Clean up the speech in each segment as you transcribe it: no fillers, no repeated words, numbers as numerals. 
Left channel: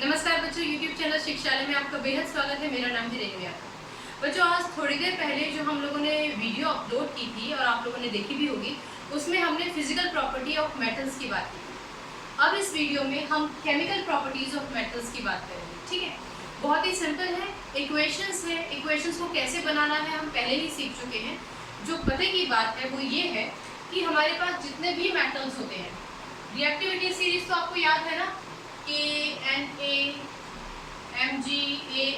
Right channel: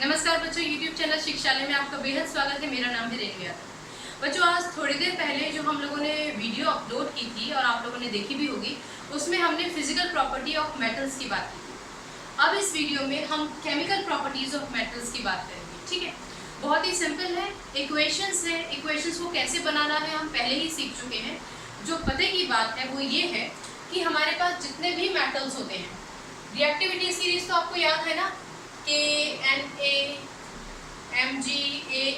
नमस्कार बच्चों, YouTube channel शिक्षालय में आपका बेहद स्वागत है। मेरा नाम है रेणुया। बच्चों, आज थोड़ी देर पहले जो हम लोगों ने वीडियो अपलोड की थी और आप लोगों ने देखी भी होगी, उसमें हमने फिजिकल प्रॉपर्टी ऑफ मेटल्स की बात की थी। अब इस वीडियो में हम केमिकल प्रॉपर्टीज ऑफ मेटल्स की बात करेंगे। ठीक है, बहुत ही सिंपल है। इक्वेशंस है, इक्वेशंस को कैसे बनाना है हम पहले ही सीख चुके हैं। जो पते की बात है वो ये है कि हमारे पास जितने भी मेटल्स होते हैं, रिएक्टिविटी सीरीज तो आपको याद है ना, Na, Mg,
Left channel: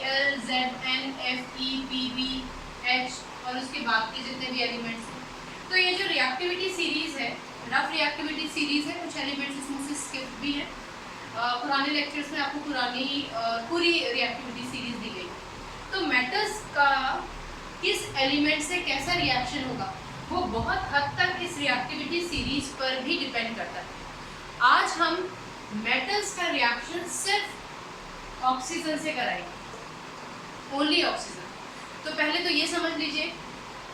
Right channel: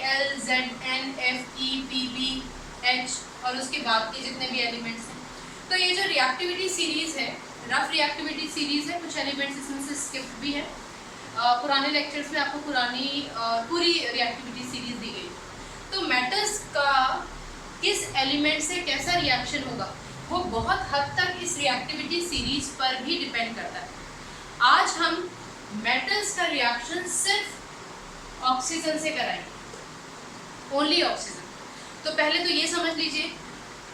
Al, Zn, Fe, Pb, H और उसके बाद के जितने भी एलिमेंट्स हैं। तो ये जो रिएक्टिविटी सीरीज है, रफ रिएक्टिविटी सीरीज है, कुछ एलिमेंट्स इसमें से स्किप भी है। पुराने लेक्चर्स में आपको पूरी रिएक्टिविटी सीरीज दी गई। तो मेटल्स का किस एलिमेंट से कैसा रिएक्शन होगा वो बहुत हद तक इस रिएक्टिविटी सीरीज पर भी डिपेंड करता है। आज हम मेटल्स का रिएक्शन सिर्फ ऑक्सीजन से कराएंगे, ओनली ऑक्सीजन। तो पहले तो ये समझ लीजिए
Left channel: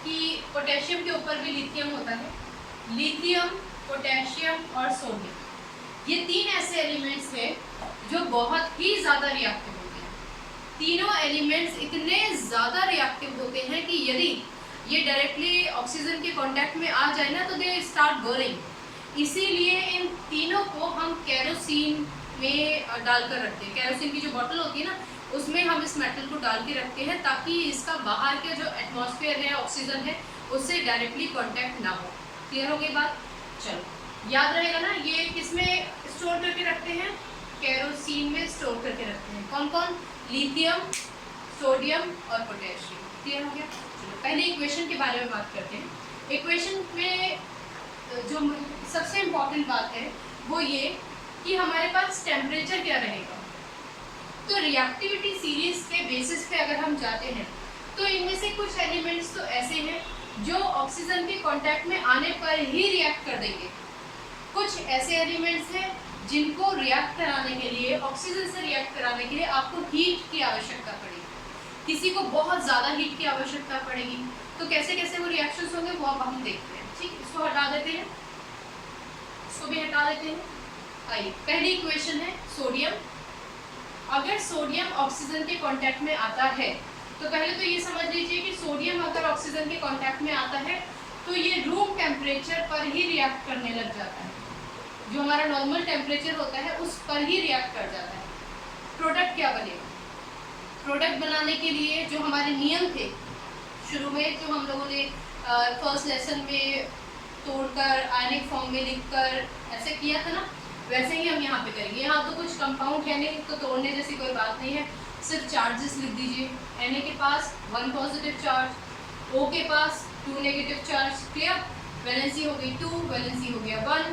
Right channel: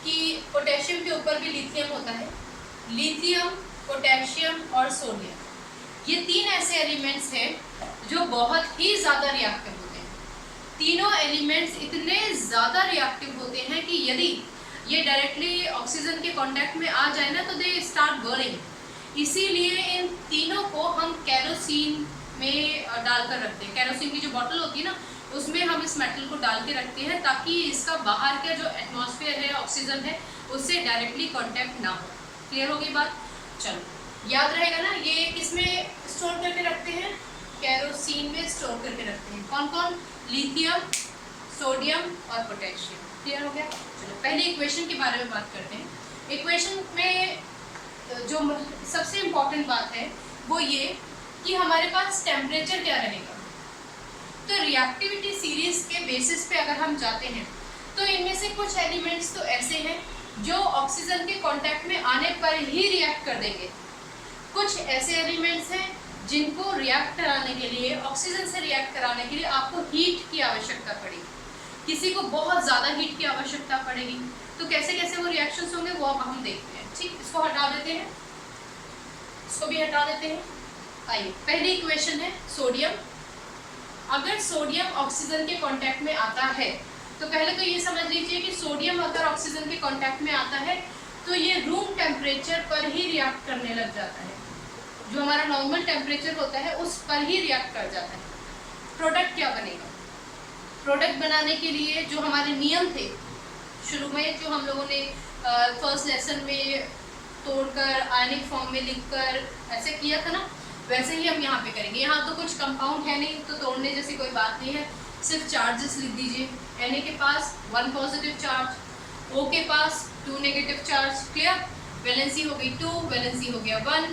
कि पोटेशियम के ऊपर भी लिथियम होता है। लिथियम, पोटेशियम और सोडियम, ये तीन ऐसे एलिमेंट्स हैं जो बहुत ही ज़्यादा रिएक्टिव होते हैं। तीनों एलिमेंट्स इतने ज़्यादा रिएक्टिव होते हैं कि यदि ये डायरेक्टली ऑक्सीजन के कांटेक्ट में आ जाए ना तो दे स्टार्ट बर्निंग। इसीलिए इन तीनों को हम कैरोसिन में डालकर रखते हैं। कैरोसिन की जो बोतल होती है ना, उसमें हम इस मेटल को डाल के रखते हैं ताकि इसका बाहर का जो एटमॉस्फेयर है, ऑक्सीजन है, उससे डायरेक्टली कांटेक्ट ना हो। क्लियर हो गई बात? चलो, याद रहेगा ना, ये किस में स्टोर करके रखते हैं? कैरोसिन में स्टोर करके रखते हैं। कौन कौन? लिथियम, सोडियम और पोटेशियम। क्लियर हो गया? चलो, पहले इक्वेशन के बारे में बात करते हैं। इक्वेशन में जो सबसे इम्पॉर्टेंट बात है वो ये कि हमारे पास टेम्परेचर क्या रहेगा। तो रिएक्टिविटी सीरीज के बेसिस पे अगर हम जाते हैं तो इनमें से कुछ एलिमेंट्स तो ऐसे हैं जो ऑक्सीजन के कांटेक्ट में आने पर ही रिएक्ट कर देंगे। कुछ ऐसे एलिमेंट्स हैं जिनको रिएक्ट कराने के लिए, ऑक्सीजन से रिएक्ट कराने के लिए आपको हीट की आवश्यकता पड़ेगी। किसी को बहुत ज़्यादा हीट की आवश्यकता पड़ेगी। तो कैसे कैसे वो रिएक्शंस होंगे वो अब हम देखते हैं। ठीक, इसको हटा देते हैं, इसको भी हटा देते हैं। आइए, पहली इक्वेशन है सोडियम। अगर सोडियम ऑक्सीजन के कांटेक्ट में आता है तो पहले तो ये समझ लीजिए कि सोडियम अगर ऑक्सीजन के कांटेक्ट में आता है तो ये रूम टेम्परेचर पर ही रिएक्ट करने लग जाता है। जो हमारा नॉर्मल टेम्परेचर होता है उस पर ही रिएक्ट कर जाता है। प्रोडक्ट क्या बनेगा? प्रोडक्ट बनाने के लिए जो हमारे नियम थे शुरू में, जो हम लोगों ने फर्स्ट लेसन में तोड़कर आयनिक फॉर्म में लिखकर ऐसे किया था ना, वैसे ही हम यहाँ पे करेंगे। यहाँ तो कुछ कंपाउंड है नहीं तो तोड़ने जैसी कोई बात नहीं है, सिर्फ चार्जेस लिख दीजिए। Na के पास 1 पॉजिटिव चार्ज, O के पास 2 नेगेटिव चार्ज। क्लियर? वैलेंसी हो गई 2, वैलेंसी हो गया 1।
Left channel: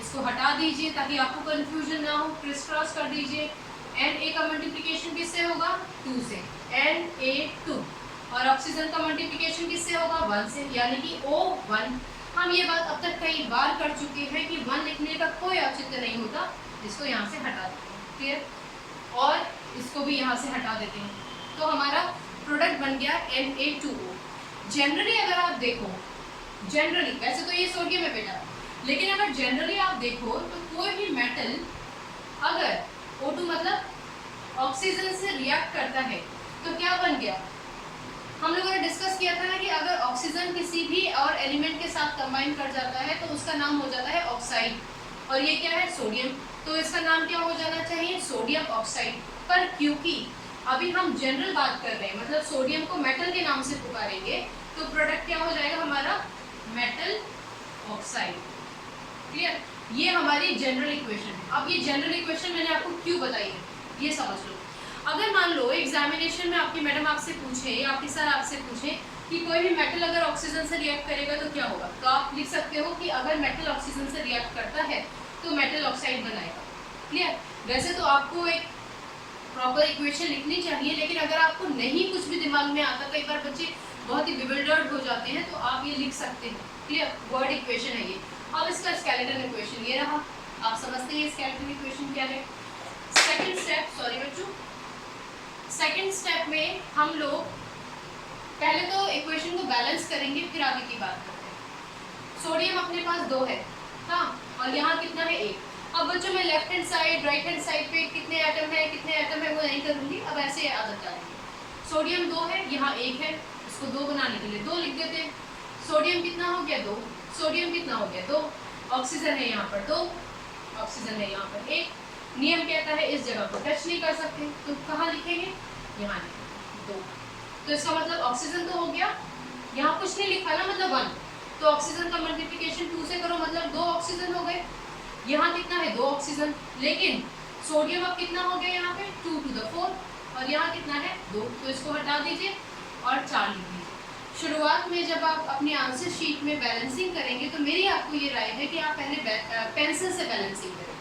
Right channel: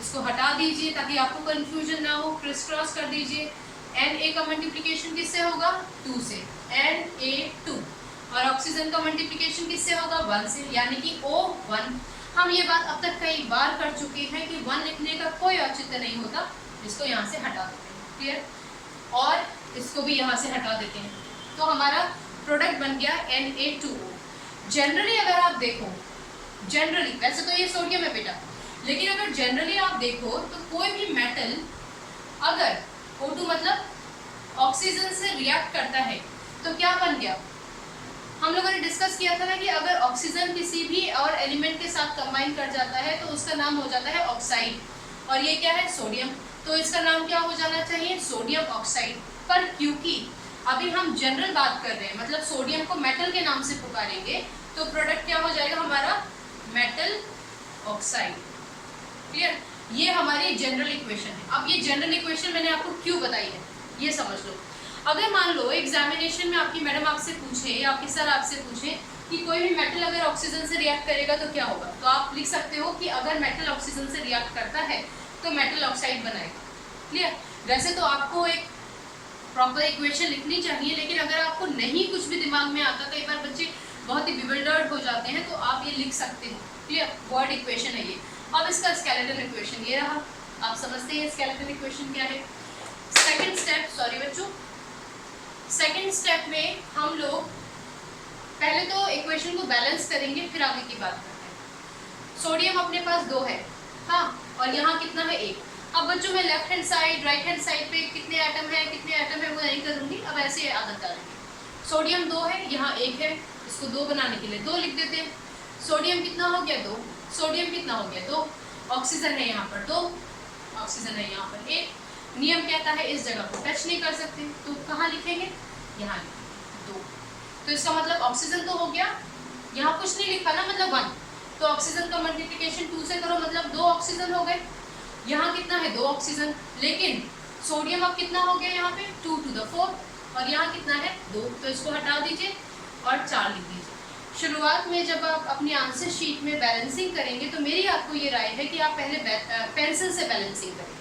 इसको हटा दीजिए ताकि आपको कन्फ्यूजन ना हो, क्रिस क्रॉस कर दीजिए। Na का मल्टीप्लिकेशन किससे होगा? 2 से, Na2। और ऑक्सीजन का मल्टीप्लिकेशन किससे होगा? 1 से, यानी कि O1। हम ये बात अब तक कई बार कर चुके हैं कि 1 लिखने का कोई औचित्य नहीं होता। इसको यहाँ से हटा देते हैं। क्लियर? और इसको भी यहाँ से हटा देते हैं। तो हमारा प्रोडक्ट बन गया Na2O। जनरली अगर आप देखो, जनरली वैसे तो ये सोडियम है बेटा, लेकिन अगर जनरली आप देखो तो कोई भी मेटल अगर O2 मतलब ऑक्सीजन से रिएक्ट करता है तो क्या बन गया? हम लोगों ने डिस्कस किया था ना कि अगर ऑक्सीजन किसी भी और एलिमेंट के साथ कंबाइन कर जाता है तो उसका नाम हो जाता है ऑक्साइड। और ये क्या है? सोडियम। तो इसका नाम क्या हो जाना चाहिए? Sodium oxide. पर क्योंकि अभी हम जनरल बात कर रहे हैं, मतलब सोडियम को मेटल के नाम से पुकारेंगे, तो प्रोडक्ट क्या हो जाएगा हमारा? Metal oxide. क्लियर? ये हमारी जनरल इक्वेशन है। अब ये जनरल इक्वेशन मैंने आपको क्यों बताई है ये समझ लो। अगर मान लो एग्जामिनेशन में आपकी मैडम आपसे पूछे या आपके सर आपसे पूछे कि कोई भी मेटल अगर ऑक्सीजन से रिएक्ट करेगा तो क्या होगा, तो आप लिख सकते हो कि अगर मेटल ऑक्सीजन से रिएक्ट करता है तो मेटल ऑक्साइड बनाएगा। क्लियर? वैसे तो आपको एक प्रॉपर इक्वेशन लिखनी चाहिए, लेकिन अगर आपको नहीं कुछ भी दिमाग में आता, कई बार बच्चे बहुत ही बिविल्डर्ड हो जाते हैं, तो आप ये लिख सकते हो। क्लियर? वर्ड इक्वेशन है ये। अब इसका स्केलेटन इक्वेशन ये रहा। आप समझते हैं स्केलेटन इक्वेशन क्या है? सेकेंड स्टेप, सॉरी बच्चों, सेकेंड स्टेप में हम लोग पहले तो इक्वेशन को बैलेंस करेंगे, फिर आगे की बात करते हैं। सोडियम अपने पास 2 है, हाँ, और यहाँ कितना है? 1। अब बच्चों बच्चों मैं left hand side right hand side पे कितने एटम है वो नहीं करूँगी, अब ऐसे आदत डालेंगे। सोडियम 2 है, यहाँ 1 है, इसको 2 बनाने के लिए 2 लिख देते हैं। सोडियम कितना हो गया 2, सोडियम कितना हो गया 2, ऑक्सीजन है यहाँ पर 2, ऑक्सीजन है यहाँ पर 1। नियम कहता है इस जगह को टच नहीं कर सकते, तो कहाँ लिखेंगे, यहाँ 2। तो इसका मतलब ऑक्सीजन तो हो गया, यहाँ कुछ नहीं लिखा ना, मतलब 1, तो ऑक्सीजन का मल्टीप्लिकेशन 2 से करो, मतलब 2 ऑक्सीजन हो गए। यहाँ कितना है 2 ऑक्सीजन, लेकिन सोडियम अब कितना हो गया यहाँ पे 2 to the 4, और यहाँ कितना है 2, तो इसको हटा दीजिए और 4 लिख दीजिए। शुरुआत में जब आप अपनी आंसर शीट में बैलेंसिंग करेंगे तो मेरी आपको ये राय है कि आप पहले पेंसिल से बैलेंसिंग करें,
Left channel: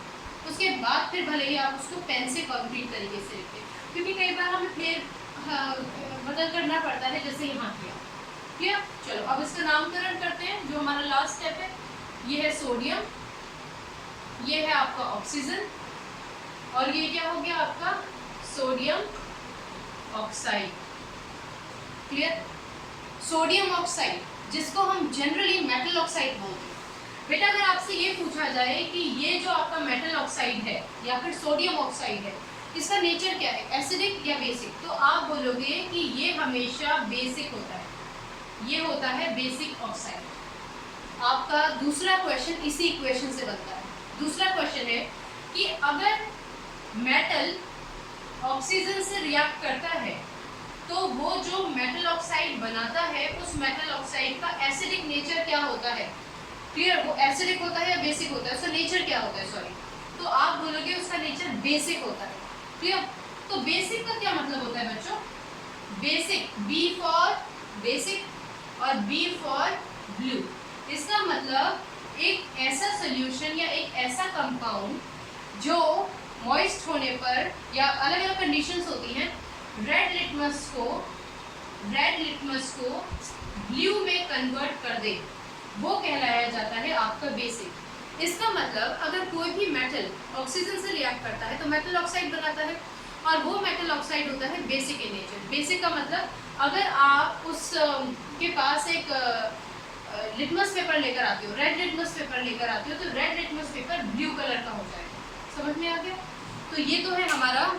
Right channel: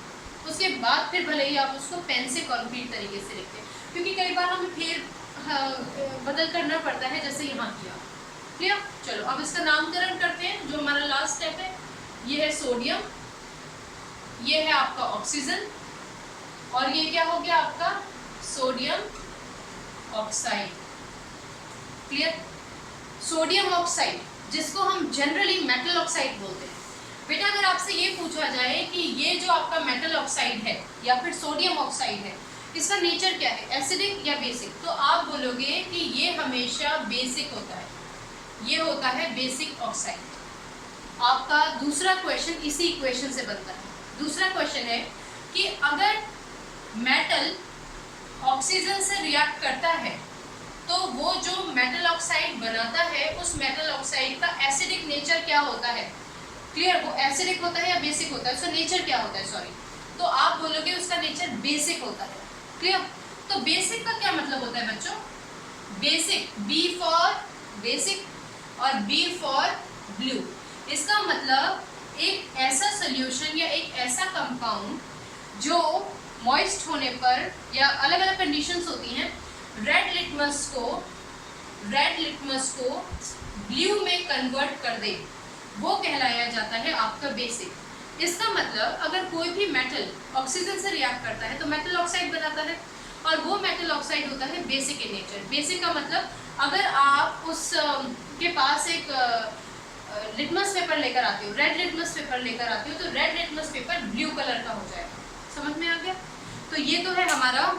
उसके बाद फिर भले ही आप उसको पेन से कॉन्क्रीट तरीके से लिखें, क्योंकि कई बार हमें फिर बदल करना पड़ता है, जैसे यहाँ किया। क्लियर? चलो अब इसका नामकरण करते हैं, जो हमारा लास्ट स्टेप है। ये है सोडियम, ये है आपका ऑक्सीजन, और ये क्या हो गया आपका sodium oxide. Clear? Sodium oxide, जिसको हम जनरली मेटल ऑक्साइड बोलते हैं। बेटा अगर आपसे ये पूछा जाए कि ये जो आपका मेटल ऑक्साइड है या फिर सोडियम ऑक्साइड है, इसका नेचर क्या है, एसिडिक या बेसिक, तो आप बोलोगे कि ये हमेशा बेसिक होता है, ये होता है बेसिक ऑक्साइड। आपका दूसरा क्वेश्चन इसी इक्वेशन से बनता है। दूसरा क्वेश्चन है कि अगर मेटल ऑक्सीजन से रिएक्ट करता है तो वो जो मेटल ऑक्साइड बनाता है, उस मेटल ऑक्साइड का एसिडिक नेचर क्या होता है। क्लियर? वो एसिडिक होता है या बेसिक होता है, उसका नेचर क्या होता है, सॉरी, तो आप बोलोगे उसका नेचर बेसिक होता है। क्लियर? तो बेसिक का क्या मतलब होता है बच्चों, बेसिक, बी फॉर बेसिक और बी फॉर ब्लू। इसका मतलब एक ऐसा सोल्यूशन या एक ऐसा कंपाउंड जो मॉइस्ट होने पर या अलग अलग कंडीशंस होती हैं, रेड लिटमस को ब्लू में कन्वर्ट कर दे, वो कहलाया जाता है आपका बेसिक। इसका मतलब अगर कोई भी मेटल ऑक्सीजन से रिएक्ट करता है तो मेटल ऑक्साइड बनाता है, और वो मेटल ऑक्साइड होता है बेसिक इन नेचर। बेसिक का मतलब अगर आप उस के पास एक लिटमस पेपर लेकर आते हो, रेड लिटमस पेपर लेकर आते हो, तो red litmus paper blue colour का हो जाएगा। समझ में आ गया? तो ये तो है हमारा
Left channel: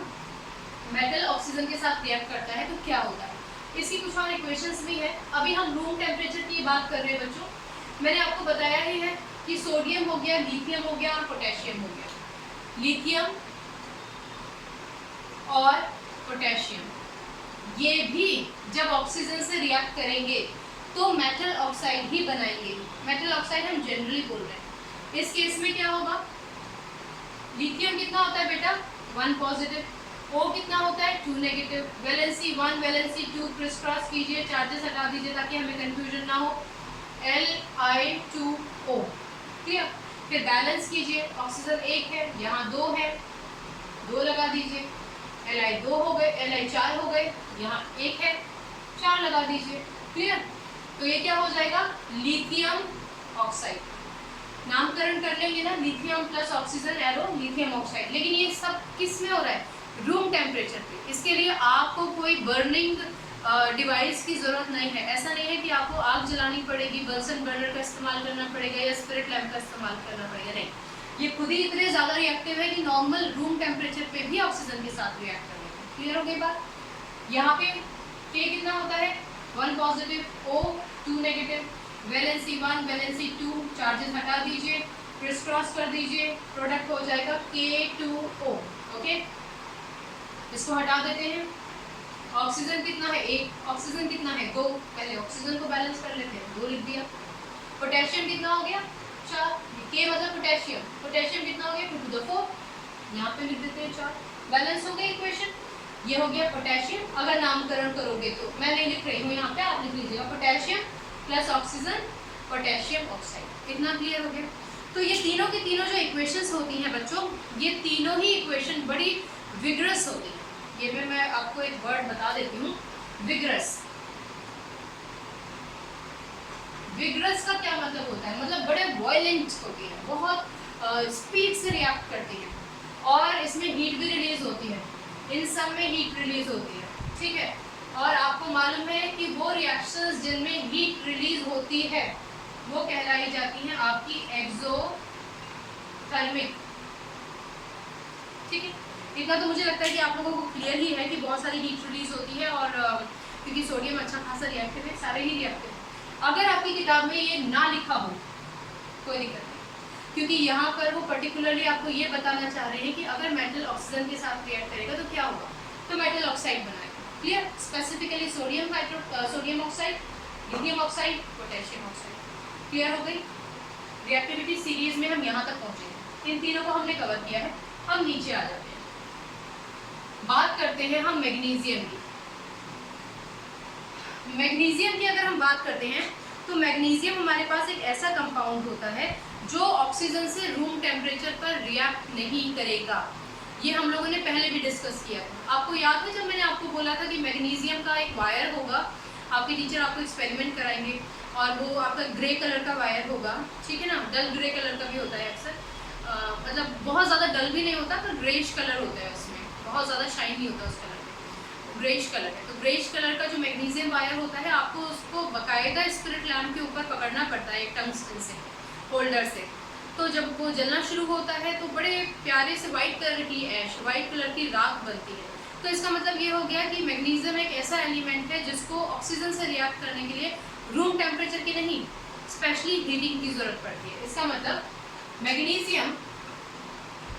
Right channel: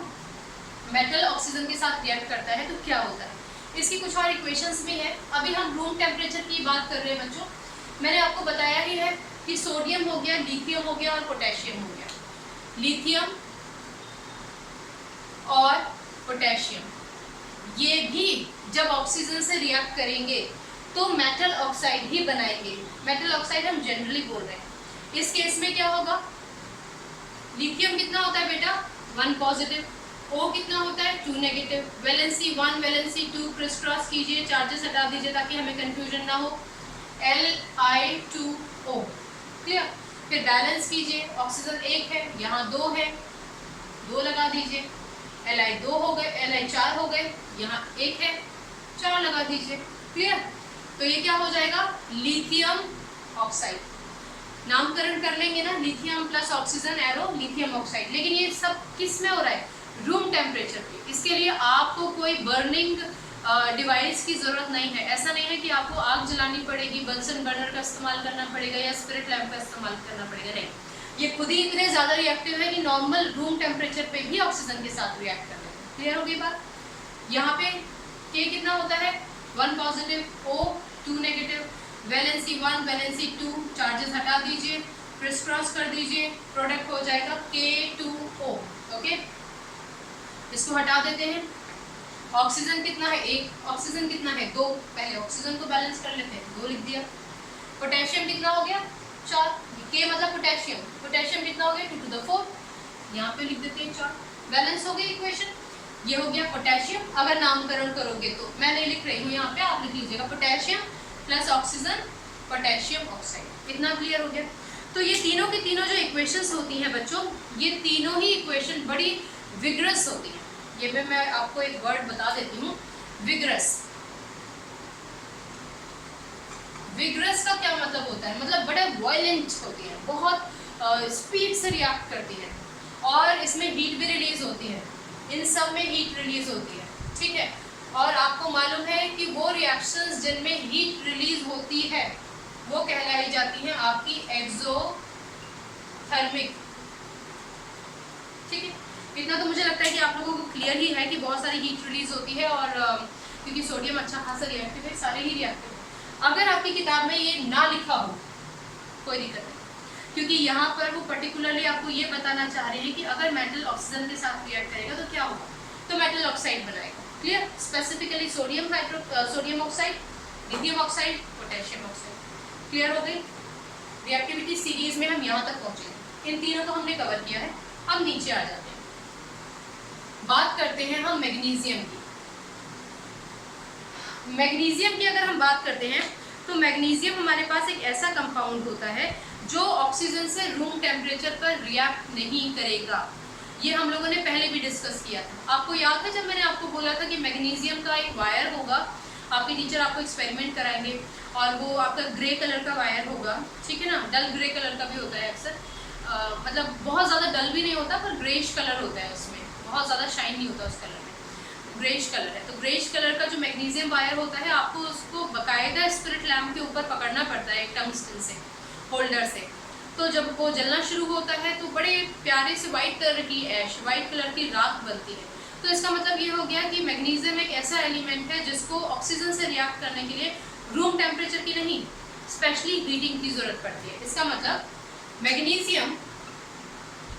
मेटल ऑक्सीजन के साथ रिएक्ट करता है तो क्या होता है। इसकी कुछ और इक्वेशंस भी है। अभी हम रूम टेम्परेचर की बात कर रहे हैं बच्चों। मैंने आपको बताया ही है कि सोडियम हो गया, लिथियम हो गया और पोटेशियम हो गया। लिथियम और पोटेशियम ये भी जब ऑक्सीजन से रिएक्ट करेंगे तो मेटल ऑक्साइड ही बनाएंगे। मेटल ऑक्साइड हम जनरली बोल रहे हैं। इस केस में क्या होगा, लिथियम कितना होता है बेटा 1 पॉजिटिव, O कितना होता है 2 negative, valency 1 valency 2, criss cross कीजिए, चार्जेस हटा दीजिए ताकि हमें कंफ्यूजन ना हो, Li2O। क्लियर? फिर बैलेंस कीजिए, ऑक्सीजन 1 है, यहाँ 2 है, 2 लगा दीजिए, Li 2 हो गए, Li 4 हो गए, यहाँ 1 है, 4 लगा दीजिए। क्लियर? तो ये क्या हो जाएगा लिथियम ऑक्साइड। नामकरण कर लेंगे ना, lithium plus oxygen arrow lithium oxide. लेकिन ये सब किस में हो रहा है, रूम टेम्परेचर पे। इसके लिए आपको कोई बर्निंग डिवाइस की ज़रूरत नहीं है। ऐसा नहीं है कि आपको आग जलानी पड़ेगी, बंसन बर्नर का इस्तेमाल करना पड़ेगा या स्पिरिट लैम्प का इस्तेमाल करना पड़ेगा, नहीं। ये खुद ही इतने ज़्यादा रिएक्टिव है कि नॉर्मल रूम टेम्परेचर पे भी ऑक्सीजन के साथ रिएक्ट कर लेते हैं। क्लियर हो गई बात? यहाँ पे K कितना होता है 1 positive, O 2 negative, valency 1 valency 2, charges हटा दीजिए, क्रिस क्रॉस कर दीजिए, प्रोडक्ट हो जाएगा K2O। ओके, इसको हटा देते हैं। ऑक्सीजन कितना है 1, ऑक्सीजन कितना है 2, पहले ऑक्सीजन को बैलेंस कर लेते हैं, 2 लिख दिया। पोटेशियम कितना हो गया 4, K मतलब पोटेशियम, पोटेशियम कितना हो गया 2 to the 4, यहाँ पे लिख देते हैं 4। बैलेंस हो गई इक्वेशन, ये हो गया पोटेशियम। अगर नामकरण करोगे तो मैं नहीं लिख रही हूँ यहाँ पे, आप लिख लीजिएगा potassium plus oxygen potassium oxide. इतना क्लियर हो गया? तो ये तीनों की तीनों जो इक्वेशंस होती हैं बच्चों, ये तीनों ही इक्वेशन बड़ी विग्रस होती हैं। ये मैं आपको एक वर्ड बता देती हूँ, विग्रस। विग्रस का क्या मतलब होता है, मतलब बड़े वॉयलेंट होती है, बहुत स्पीड से रिएक्ट करती है, और इसमें हीट भी रिलीज होती है। इन सब में हीट रिलीज होती है, ठीक है। और आपको मालूम है कि वो रिएक्शंस जिनमें हीट रिलीज होती है वो कहलाई जाती हैं आपकी एक्सोथर्मिक। ठीक है, इतना तो मुझे लगता है कि आप लोगों को क्लियर ही है कि बहुत सारी हीट रिलीज होती है और क्योंकि सोडियम अच्छा खासा रिएक्टिव है, सारे ही रिएक्टिव है। अगर आपकी किताब में ये ना लिखा हो कोई दिक्कत नहीं, क्योंकि यहाँ पर वो पर्टिकुलरली आपको ये बताना चाह रहे हैं कि अगर मेटल ऑक्सीजन के साथ रिएक्ट करेगा तो क्या होगा, तो मेटल ऑक्साइड बनाएगा। Clear, specifically sodium oxide, lithium oxide, potassium oxide. Clear हो गई। रिएक्टिविटी सीरीज में हम यहाँ तक पहुँचे हैं, इन तीनों को हमने कवर किया है। अब नीचे आ जाते हैं, बात करते हैं हम मैग्नीशियम की। मैग्नीशियम की अगर हम बात करते हैं तो मैग्नीशियम हमारे पास एक ऐसा कंपाउंड होता है जो ऑक्सीजन से रूम टेम्परेचर पर रिएक्ट नहीं करेगा। ये हम लोगों ने पहले भी डिस्कस किया था। आपको याद है जब मैंने आपको बोला था कि मैग्नीशियम का एक वायर होगा, आपके टीचर आपको एक्सपेरिमेंट कराएंगे और वो आपका ग्रे कलर का वायर होगा, ठीक है ना, डल ग्रे कलर का भी होता है अक्सर, मतलब बहुत ज़्यादा डल भी नहीं होता पर ग्रेइश कलर होता है उसमें, बहुत ज़्यादा शाइन नहीं होता उस कलर में, ग्रेइश कलर है। तो ग्रेइश कलर का जो मैग्नीशियम वायर होता है आपको उसको बाकायदा स्पिरिट लैम्प के ऊपर पकड़ना पड़ता है एक टंगस्टन से, होल्डर से। तो जब वो जलना शुरू होता है तो बड़े प्यारे से वाइट कलर की ऐश, वाइट कलर की राख बनती है। तो इसका मतलब ये हो गया कि मैग्नीशियम एक ऐसा एलिमेंट है जिसको ऑक्सीजन से रिएक्ट करने के लिए रूम टेम्परेचर की नहीं, स्पेशली हीटिंग की ज़रूरत पड़ती है। इसका मतलब मैग्नीशियम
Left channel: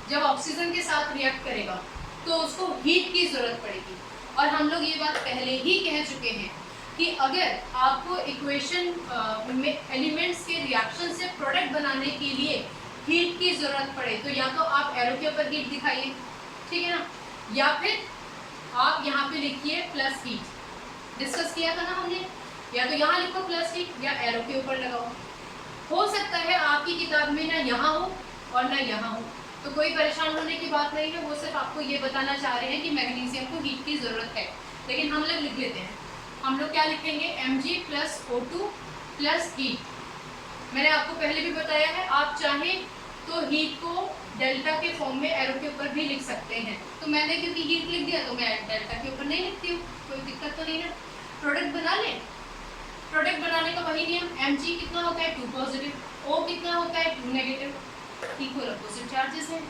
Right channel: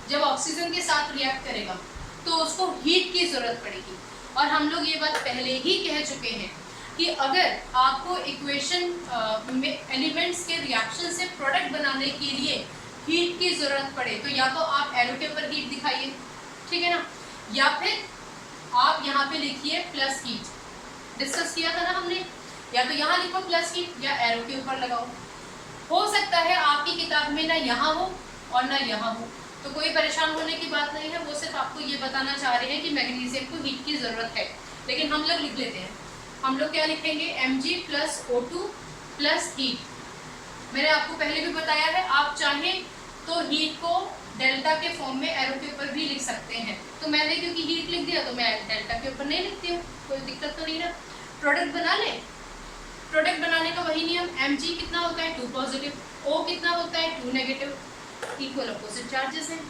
जब ऑक्सीजन के साथ रिएक्ट करेगा तो उसको हीट की ज़रूरत पड़ेगी। और हम लोग ये बात पहले ही कह चुके हैं कि अगर आपको इक्वेशन में एलिमेंट्स के रिएक्शन से प्रोडक्ट बनाने के लिए हीट की ज़रूरत पड़े तो या तो आप एरो के ऊपर हीट दिखाइए, ठीक है ना, या फिर आप यहाँ पे लिखिए प्लस हीट, डिस्कस किया था ना हमने, या तो यहाँ लिखो प्लस हीट या एरो के ऊपर लगाओ। हो सकता है आपकी किताब में ना यहाँ हो और ना यहाँ हो, तो कोई परेशान होने की बात नहीं है, वो सिर्फ आपको ये बताना चाह रहे हैं कि मैग्नीशियम को हीट की ज़रूरत है। लेकिन हम लोग लिख लेते हैं, हम लोग क्या लिखेंगे, Mg plus O2 plus heat. मैंने आपको पहले भी बताया है, आप चाहें तो हीट को डेल्टा के फॉर्म में एरो के ऊपर भी लिख सकते हैं। तो मैंने क्योंकि हीट लिख दिया तो मैं डेल्टा के ऊपर नहीं लिखती हूँ, कोई दिक्कत तो नहीं ना। प्रोडक्ट बना लें, प्रोडक्ट बनाने का वही नियम, Mg कितना होता है 2 पॉजिटिव, O कितना होता है 2 नेगेटिव, इक्वल अपोजिट चार्जेस हैं।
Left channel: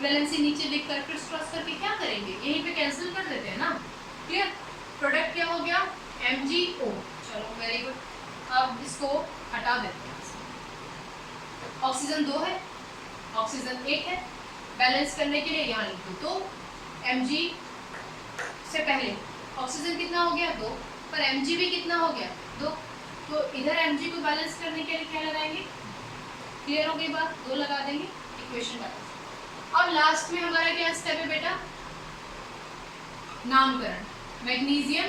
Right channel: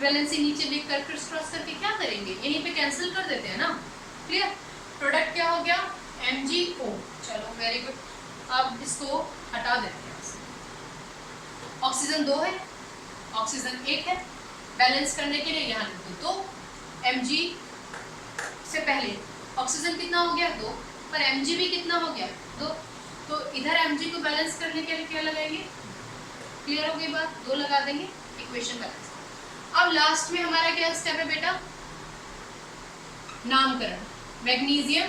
वैलेंसी नीचे लिख कर क्रिस क्रॉस करके क्या करेंगे, यहीं पे कैंसिल कर देते हैं ना। क्लियर, प्रोडक्ट क्या हो गया MgO। चलो वेरी गुड, अब इसको हटा देते हैं। ऑक्सीजन 2 है, ऑक्सीजन 1 है, बैलेंस करने के लिए यहाँ लिख दो 2। Mg से पहले ऑक्सीजन कितना हो गया 2, पर Mg भी कितना हो गया 2, तो इधर Mg को बैलेंस करने के लिए क्या लगाएंगे, क्लियर हो गई बात, 2 लगा देंगे, इक्वेशन बैलेंस। अब लास्ट में हमारा क्या स्टेप है बेटा, नामकरण। मैग्नीशियम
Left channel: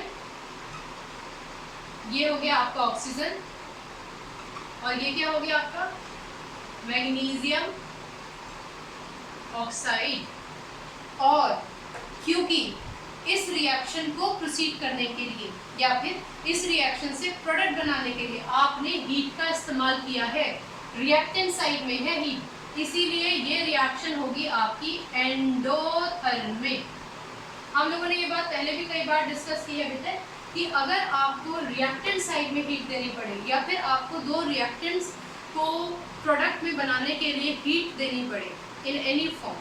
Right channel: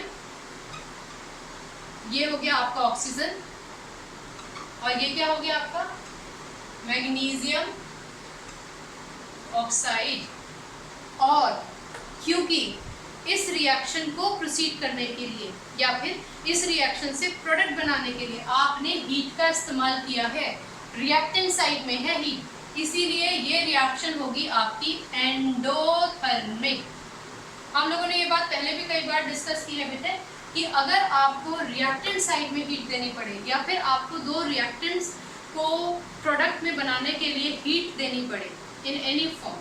ये हो गया आपका ऑक्सीजन और ये क्या हो गया आपका मैग्नीशियम ऑक्साइड। और क्योंकि इस रिएक्शन को प्रोसीड करने के लिए या फिर इस रिएक्शन से प्रोडक्ट बनाने के लिए आपने हीट का इस्तेमाल किया है, रिएक्टेंट साइड में है हीट, इसीलिए ये रिएक्शन होगी आपकी एंडोथर्मिक। हम लोगों ने ये बात पहले भी कई बार डिस्कस की है बेटे कि अगर आपको रिएक्टेंट साइड में हीट देनी पड़े या फिर आपको 2 रिएक्टेंट्स को प्रोडक्ट में बनाने के लिए हीट देनी पड़े इन एनी फॉर्म,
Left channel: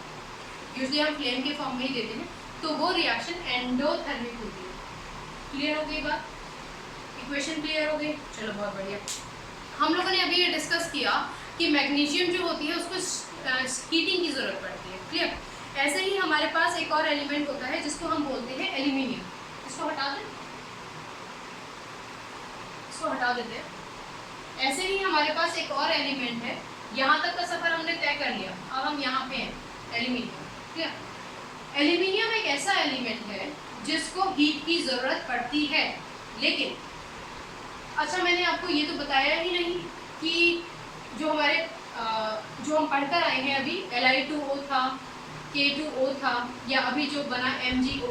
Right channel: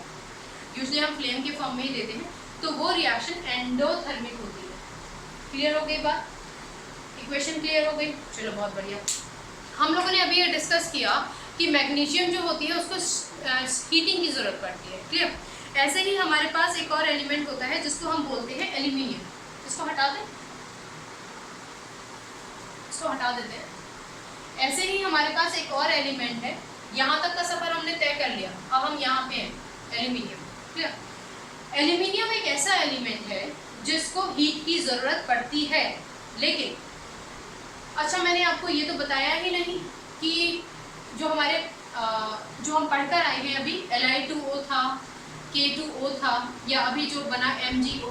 यूजुअली हम फ्लेम के फॉर्म में ही देते हैं, तो वो रिएक्शन एंडोथर्मिक होती है। क्लियर हो गई बात, इक्वेशन क्लियर हो गई, चलो बहुत बढ़िया। हम लोगों ने अभी ये डिस्कस किया कि मैग्नीशियम जो होती है उसको हीटिंग की ज़रूरत पड़ती है। क्लियर, ऐसे ही हमारे पास एक और एलिमेंट होता है जिसको हम बोलते हैं एल्यूमिनियम। इसको हटा दें, इसको हटा देते हैं। ऐसे ही हमारे पास एक और एलिमेंट है, यहाँ तक का सफ़र हमने तय कर लिया, अब हम यहाँ पे हैं एल्यूमिनियम। क्लियर, एल्यूमिनियम एक ऐसा एलिमेंट है जिसको हीट की ज़रूरत पड़ती है, लेकिन अच्छा मैंने आपको ये तो बताया ही नहीं कि जो हमारे जो हम पढ़कर आए हैं अभी Li2O था, K2O था, या अभी जो बना MgO,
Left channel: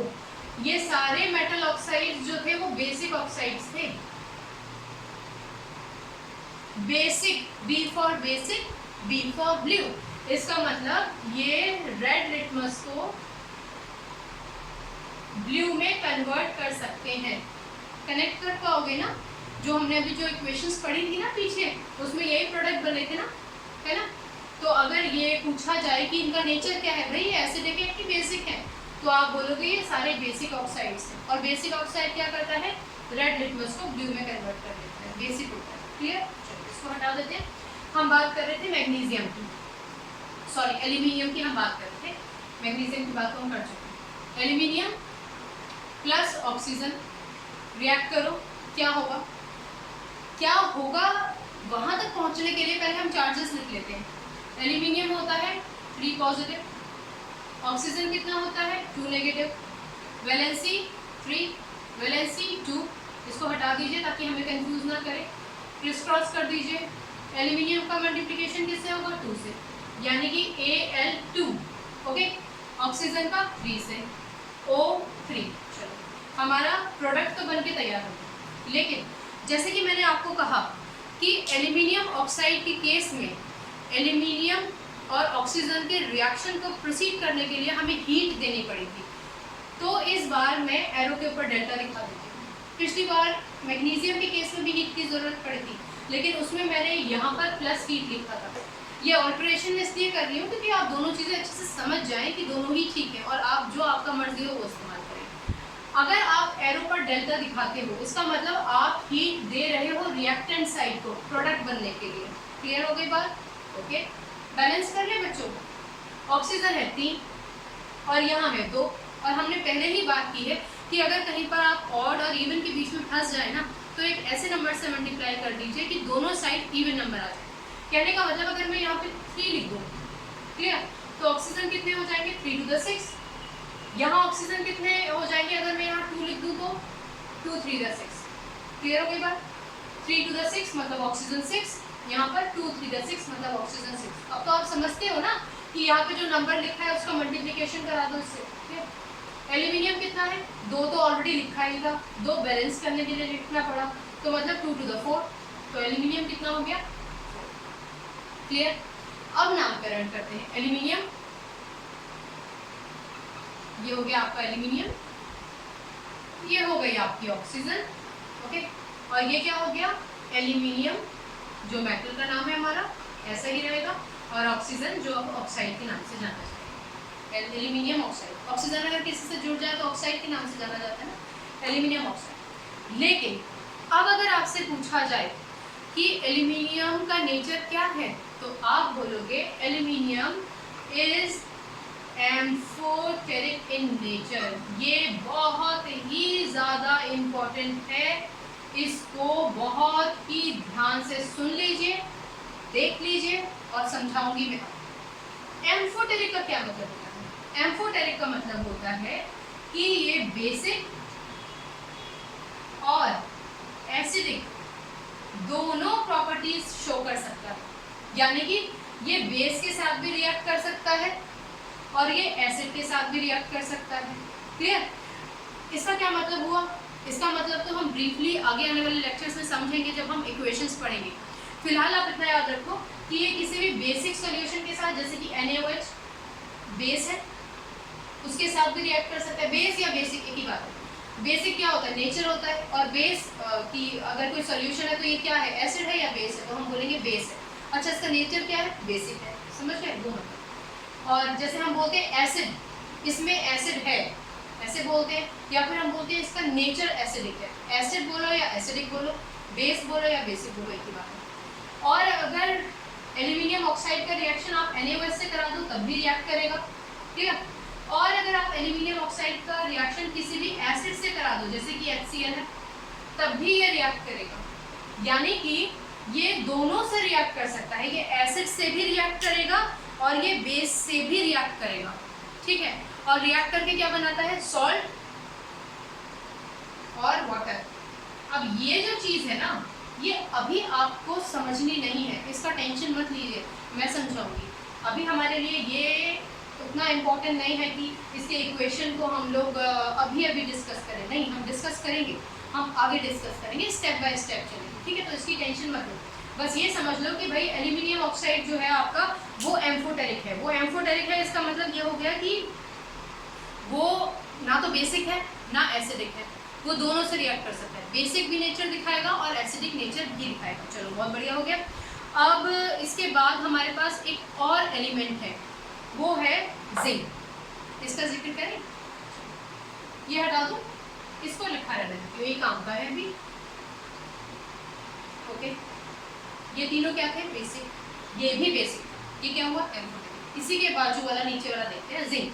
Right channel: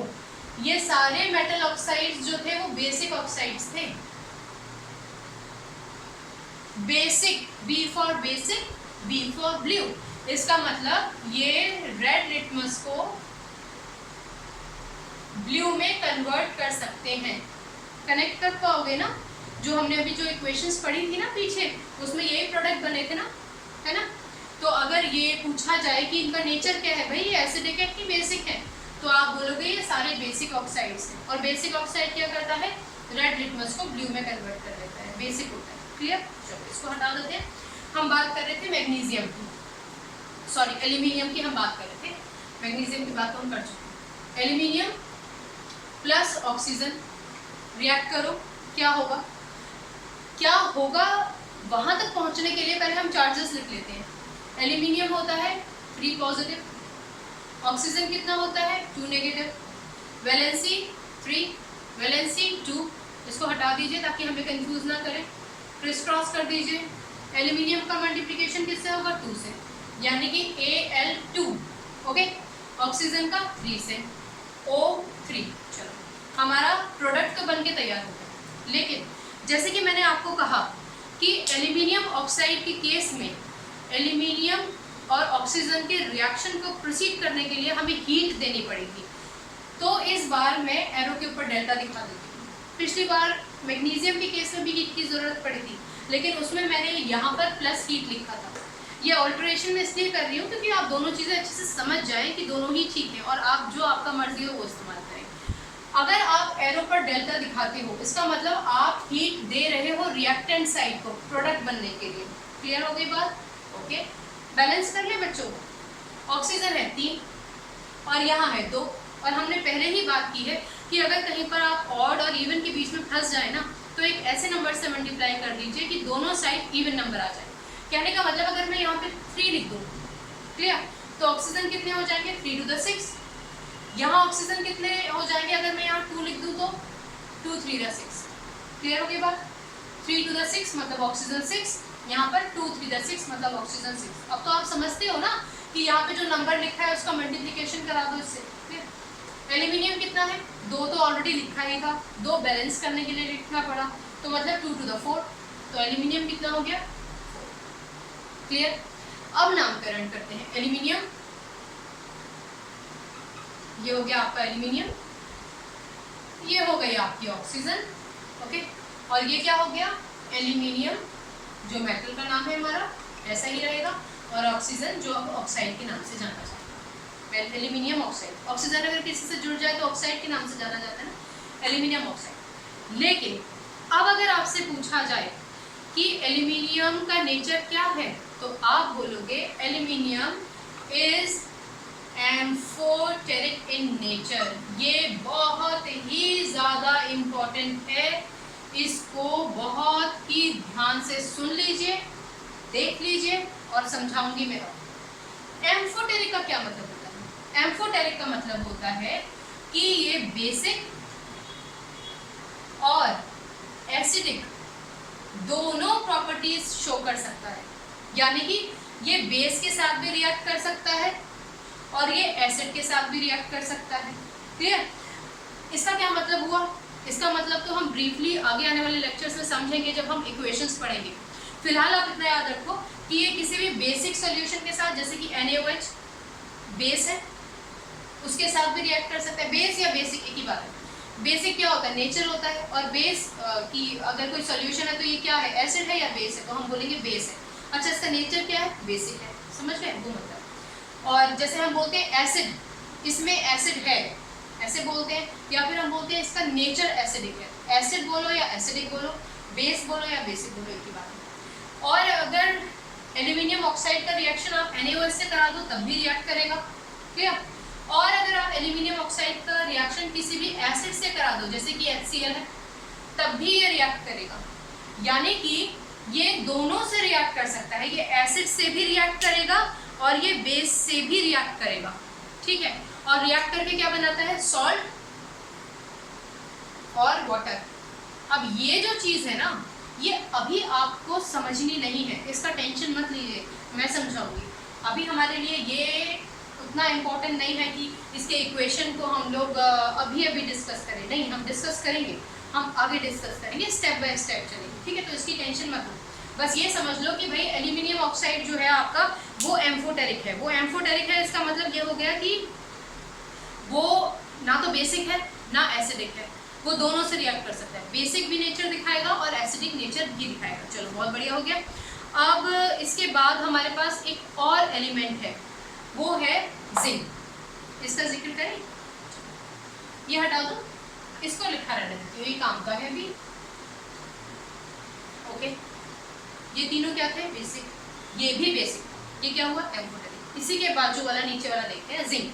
ये सारे मेटल ऑक्साइड्स जो थे वो बेसिक ऑक्साइड्स थे। Basic, B for basic, B for blue. इसका मतलब ये रेड लिटमस को ब्लू में कन्वर्ट कर सकते हैं। कनेक्ट कर पाओगे ना, जो हमने अभी जो इक्वेशंस पढ़ी थी ना पीछे, उसमें यही प्रोडक्ट बने थे ना, है ना। तो अगर ये पूछा जाए कि इनका नेचर क्या है, भाई ये एसिडिक है कि बेसिक है, तो आप बोलोगे ये सारे बेसिक ऑक्साइड्स हैं। और बेसिक ऑक्साइड क्या करता है, रेड लिटमस को ब्लू में कन्वर्ट कर देता है, बेसिक होता है। क्लियर, चलो इसको हटा देते हैं। हम बात कर रहे थे मैग्नीशियम की, सॉरी एल्यूमिनियम की हम बात कर रहे थे, मैग्नीशियम की बात तो हम कर चुके हैं। एल्यूमिनियम प्लस ऑक्सीजन रिएक्ट करो, क्या होगा, क्या होगा वहां तक पहुंचने के लिए पहले हम चार्जेस लिख लेते हैं। एल्यूमिनियम होता है 3 पॉजिटिव, ऑक्सीजन कितना होता है 2 नेगेटिव, वैलेंसी 3, वैलेंसी 2, इसको हटा दीजिए ताकि हमें कंफ्यूज ना करें, क्रिस क्रॉस कर दीजिए। एल्यूमिनियम का मल्टीप्लिकेशन किससे होगा 2 से, यानी कि Al2, ओके। ऑक्सीजन का 3 से, O3। चलो हमारा प्रोडक्ट तो बन के तैयार हो गया। लेकिन जैसे कि मैंने आपको कहा कि एल्यूमिनियम ऑक्साइड के केस में एल्यूमिनियम और ऑक्सीजन के रिएक्शन को प्रोसीड करने के लिए हमें हीट देनी पड़ेगी। तो इस बार मैं एरो के ऊपर डेल्टा दिखा देती हूँ। पिछली बार मैग्नीशियम के केस में भी हीट की ज़रूरत पड़ी थी, लेकिन उसमें मैंने यहाँ पर प्लस हीट लिखा था। ये ऑल्ट्रेशन मैं इसलिए कर रही हूँ क्योंकि आप दोनों चीज़ें अच्छे से समझ जाएं कि दोनों ही ठीक है और आप जो आपका मर्जी हो वो इस्तेमाल करें। अगर आप एरो पर डेल्टा दिखाते हो, इसका मतलब आप हीट दे रहे हो रिएक्टेंट साइड को प्रोडक्ट बनने के लिए। क्लियर हो गई बात, ओके। बैलेंस कर ले बच्चों, ऑक्सीजन है 3 और यहाँ है 2, और हमने पहले ही बात की है कि अगर कहीं पर आप ऑड और इवन के बीच में फंस जाए ना, तो एक ऐसे नंबर से मल्टीप्लाई कर दीजिए कि दोनों साइड इवन नंबर आ जाए। कहने का मतलब अगर मैं यहाँ पे 3 लिख दूँ, क्लियर, तो ऑक्सीजन कितने हो जाएंगे 3 to the 6। यहाँ ऑक्सीजन कितने हो जाएंगे अगर मैं यहाँ 2 लिख दूँ तो 2 3 the 6। क्लियर हो गई बात, 3 to the 6 मतलब ऑक्सीजन 6, यहाँ पर 2 3 the 6 मतलब ऑक्सीजन 6। अब तो आप समझते हो ना कि यहाँ पे जो नंबर लिखा है उसका मल्टीप्लिकेशन करा दो इससे। एल्यूमिनियम कितना है 2 तो ऑलरेडी लिखा ही था, 2 बैलेंस करने के लिए लिखना पड़ा, तो मतलब 2 to the 4, तो एल्यूमिनियम कितना हो गया। क्लियर, अब नामकरण करते हैं। एल्यूमिनियम, ये हो गया आपका एल्यूमिनियम, ये हो गई आपकी ऑक्सीजन, ओके। और ये क्या हो गया एल्यूमिनियम, जो मेटल का नाम है हमारा ऐसा ही रहेगा, और ऑक्सीजन जो अब ऑक्साइड के नाम से जाना जाएगा। एल्यूमिनियम ऑक्साइड, ऑक्सीजन अगर किसी से जुड़ जाए तो ऑक्साइड के नाम से जाना जाता है ना, एल्यूमिनियम ऑक्साइड। लेकिन अब अगर आपसे पूछा जाए कि एल्यूमिनियम का नेचर क्या है, तो आप बोलोगे aluminium is amphoteric in nature. ये बहुत ही ज़्यादा इम्पोर्टेंट है, इसको बहुत ही ध्यान से सुन लीजिए, देख लीजिए और समझाऊंगी मैं अब। एम्फोटेरिक का क्या मतलब होता है? एम्फोटेरिक का मतलब होता है कि ये बेसिक और एसिडिक दोनों प्रॉपर्टीज शो कर सकता है, यानी कि ये बेस के साथ भी रिएक्ट कर सकता है और ये एसिड के साथ भी रिएक्ट कर सकता है। क्लियर, इसका क्या मतलब हुआ? इसका मतलब तो हम ब्रीफली आगे आने वाले लेक्चर्स में समझेंगे जब हम इक्वेशंस पढ़ेंगे। फिलहाल आप इतना याद रखो कि ये किसी भी बेसिक सॉल्यूशन के साथ, जैसे कि NaOH बेस है, उसके साथ भी रिएक्ट कर सकता है। बेस या बेसिक एक ही बात है। बेसिक क्या होता है? नेचर होता है। और बेस की अगर कोई सॉल्यूशन है तो ये क्या है? एसिड है या बेस है? तो हम बोलेंगे बेस है। अच्छा, इसका नेचर क्या है? बेसिक है। समझ रहे हैं? वो मतलब। और जैसे हम बोलते हैं एसिड, इसमें एसिड है ऐसे बोलते हैं, या फिर हम बोलते हैं इसका नेचर एसिडिक है। एसिड बोलो या एसिडिक बोलो, बेस बोलो या बेसिक बोलो, एक ही बात है। और अगर एल्यूमिनियम ऑक्साइड का रिएक्शन आप NaOH से करा दो तब भी रिएक्ट करेगा। क्लियर? और अगर आप एल्यूमिनियम ऑक्साइड का रिएक्शन किसी भी एसिड से करा दो, जैसे कि HCl है, तब भी ये रिएक्ट करेगा। यानी कि ये दोनों से रिएक्ट कर सकता है। ये एसिड से भी रिएक्ट करेगा और ये बेस से भी रिएक्ट करेगा। ठीक है? और रिएक्ट करके क्या बनाता है? सॉल्ट और वाटर। अब ये जो चीज़ है ना, ये अभी आपको समझनी नहीं है, इसका टेंशन मत लीजिए, मैं समझाऊंगी। अभी हमारे लिए ये उतना इम्पोर्टेंट नहीं है कि इसके इक्वेशन को हम लोग अभी डिस्कस करें। नहीं, हम डिस्कस करेंगे, हम आगे डिस्कस करेंगे, स्टेप बाय स्टेप चलेंगे। ठीक है? तो इसकी टेंशन मत लो, बस ये समझ लो कि भाई एल्यूमिनियम ऑक्साइड जो है आपका, वो एम्फोटेरिक है। वो एम्फोटेरिक है, इसका मतलब ये हो गया कि वो ना तो बेसिक है ना एसिडिक है, वो दोनों से रिएक्ट कर सकता है। बेसिक भी नेचर दिखाएगा और एसिडिक नेचर भी दिखाएगा। चलो, बहुत बढ़िया हो गया। अब इसके बाद हमारे पास एक और एलिमेंट है, वो है जिंक। इसका जिक्र करें, ये हटा दो, इसको लिखा रहने देती हूँ, ये काम का है अभी। ओके, ये तीनों क्या थे? बेसिक, ये भी बेसिक, ये क्या हुआ? एम्फोटेरिक। इसी के बाजू वाला नीचे वाला देखते हैं, जिंक।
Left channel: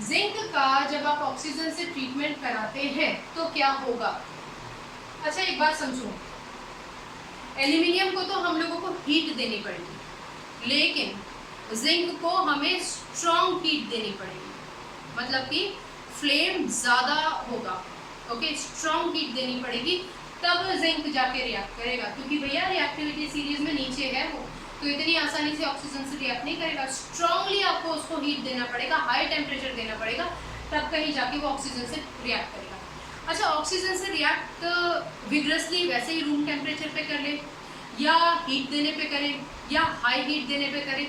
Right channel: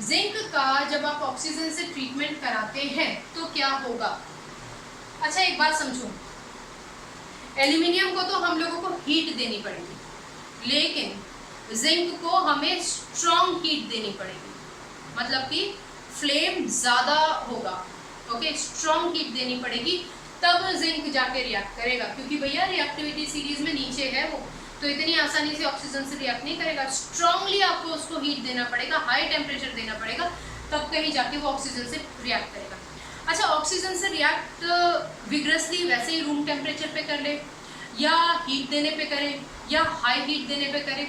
जिंक का जब आप ऑक्सीजन से ट्रीटमेंट कराते हैं तो क्या होगा? अच्छा एक बात समझो, एल्यूमिनियम को तो हम लोगों को हीट देनी पड़ेगी, लेकिन जिंक को हमें स्ट्रॉन्ग हीट देनी पड़ेगी, मतलब कि फ्लेम ज़्यादा होगा। ओके, स्ट्रॉन्ग हीट देनी पड़ेगी, तब जिंक जाके रिएक्ट करेगा, क्योंकि भैया रिएक्टिविटी सीरीज में नीचे है वो, तो इतनी आसानी से ऑक्सीजन से रिएक्ट नहीं करेगा। स्ट्रांगली आपको उसको हीट देना पड़ेगा, हाई टेम्परेचर देना पड़ेगा, तब कहीं जाके वो ऑक्सीजन से रिएक्ट करेगा। अच्छा, ऑक्सीजन से रिएक्ट विग्रसली वैसे ही रूम टेम्परेचर पे कर ले, या हीट देने पे करें, या हाई हीट देने पे करें,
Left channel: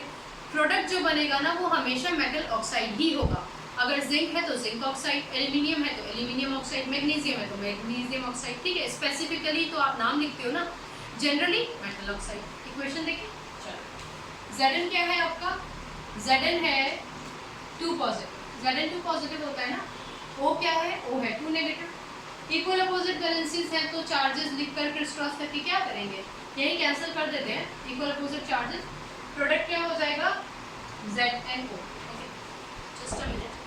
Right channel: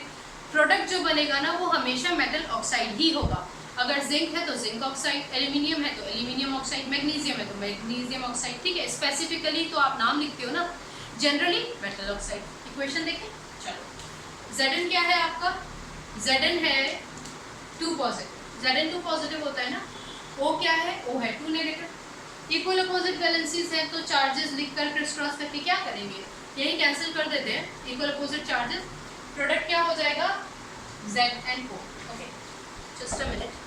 प्रोडक्ट जो बनेगा ना वो हमेशा मेटल ऑक्साइड ही होगा। अगर जिंक है तो जिंक ऑक्साइड, एल्यूमिनियम है तो एल्यूमिनियम ऑक्साइड, मैग्नीशियम है तो मैग्नीशियम ऑक्साइड। ठीक है, स्पेसिफिकली तो आप नाम लिखते हो ना, जनरली मेटल ऑक्साइड। इक्वेशन देखें, चलो Zn क्या है आपका? Zn है 2 पॉजिटिव, Zn 2 पॉजिटिव होता है ना। O क्या है? O है 2 नेगेटिव। इक्वल अपोजिट वैलेंसीज हैं तो चार्जेस लिखकर क्रिस क्रॉस करके क्या करेंगे? यही कैंसिल कर देते हैं, इक्वल अपोजिट चार्जेस। प्रोडक्ट क्या हो जाएगा? ZnO। Okay, just a minute.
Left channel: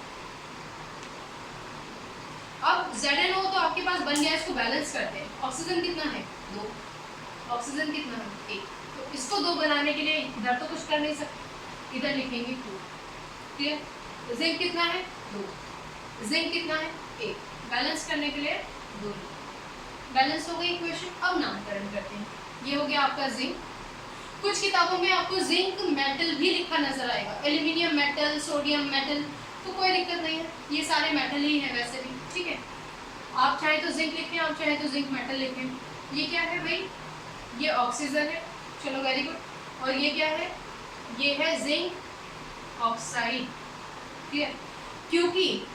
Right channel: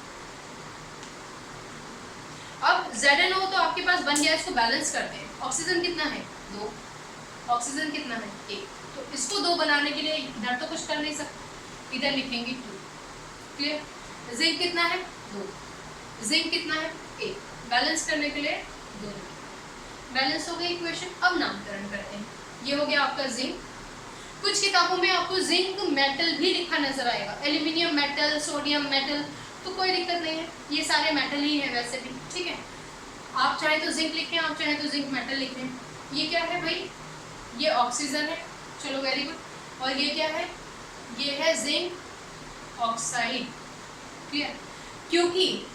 अब ZnO तो आपके पास बन गया, इसको बैलेंस करते हैं। ऑक्सीजन कितना है? 2। ऑक्सीजन कितना है? 1। तो इसको 2 बनाने के लिए इधर तो कुछ कर नहीं सकते, इधर लिखेंगे 2। क्लियर? जिंक कितना है? 2। जिंक कितना है? 1। बैलेंस करने के लिए 2। बैलेंस हो गई इक्वेशन। अब नामकरण करते हैं, ये हो गया आपका जिंक। कुछ किताबों में आपको जिंक मेटल भी लिखा नजर आएगा, एल्यूमिनियम मेटल, सोडियम मेटल, तो कोई दिक्कत नहीं है, ये सारे मेटल ही है वैसे भी। ठीक है, आप चाहे तो जिंक लिखें, आप चाहे तो जिंक मेटल लिखें। ये क्या है भाई? ये ऑक्सीजन है, चलो वेरी गुड। और ये क्या है? ये है जिंक ऑक्साइड। क्लियर? क्योंकि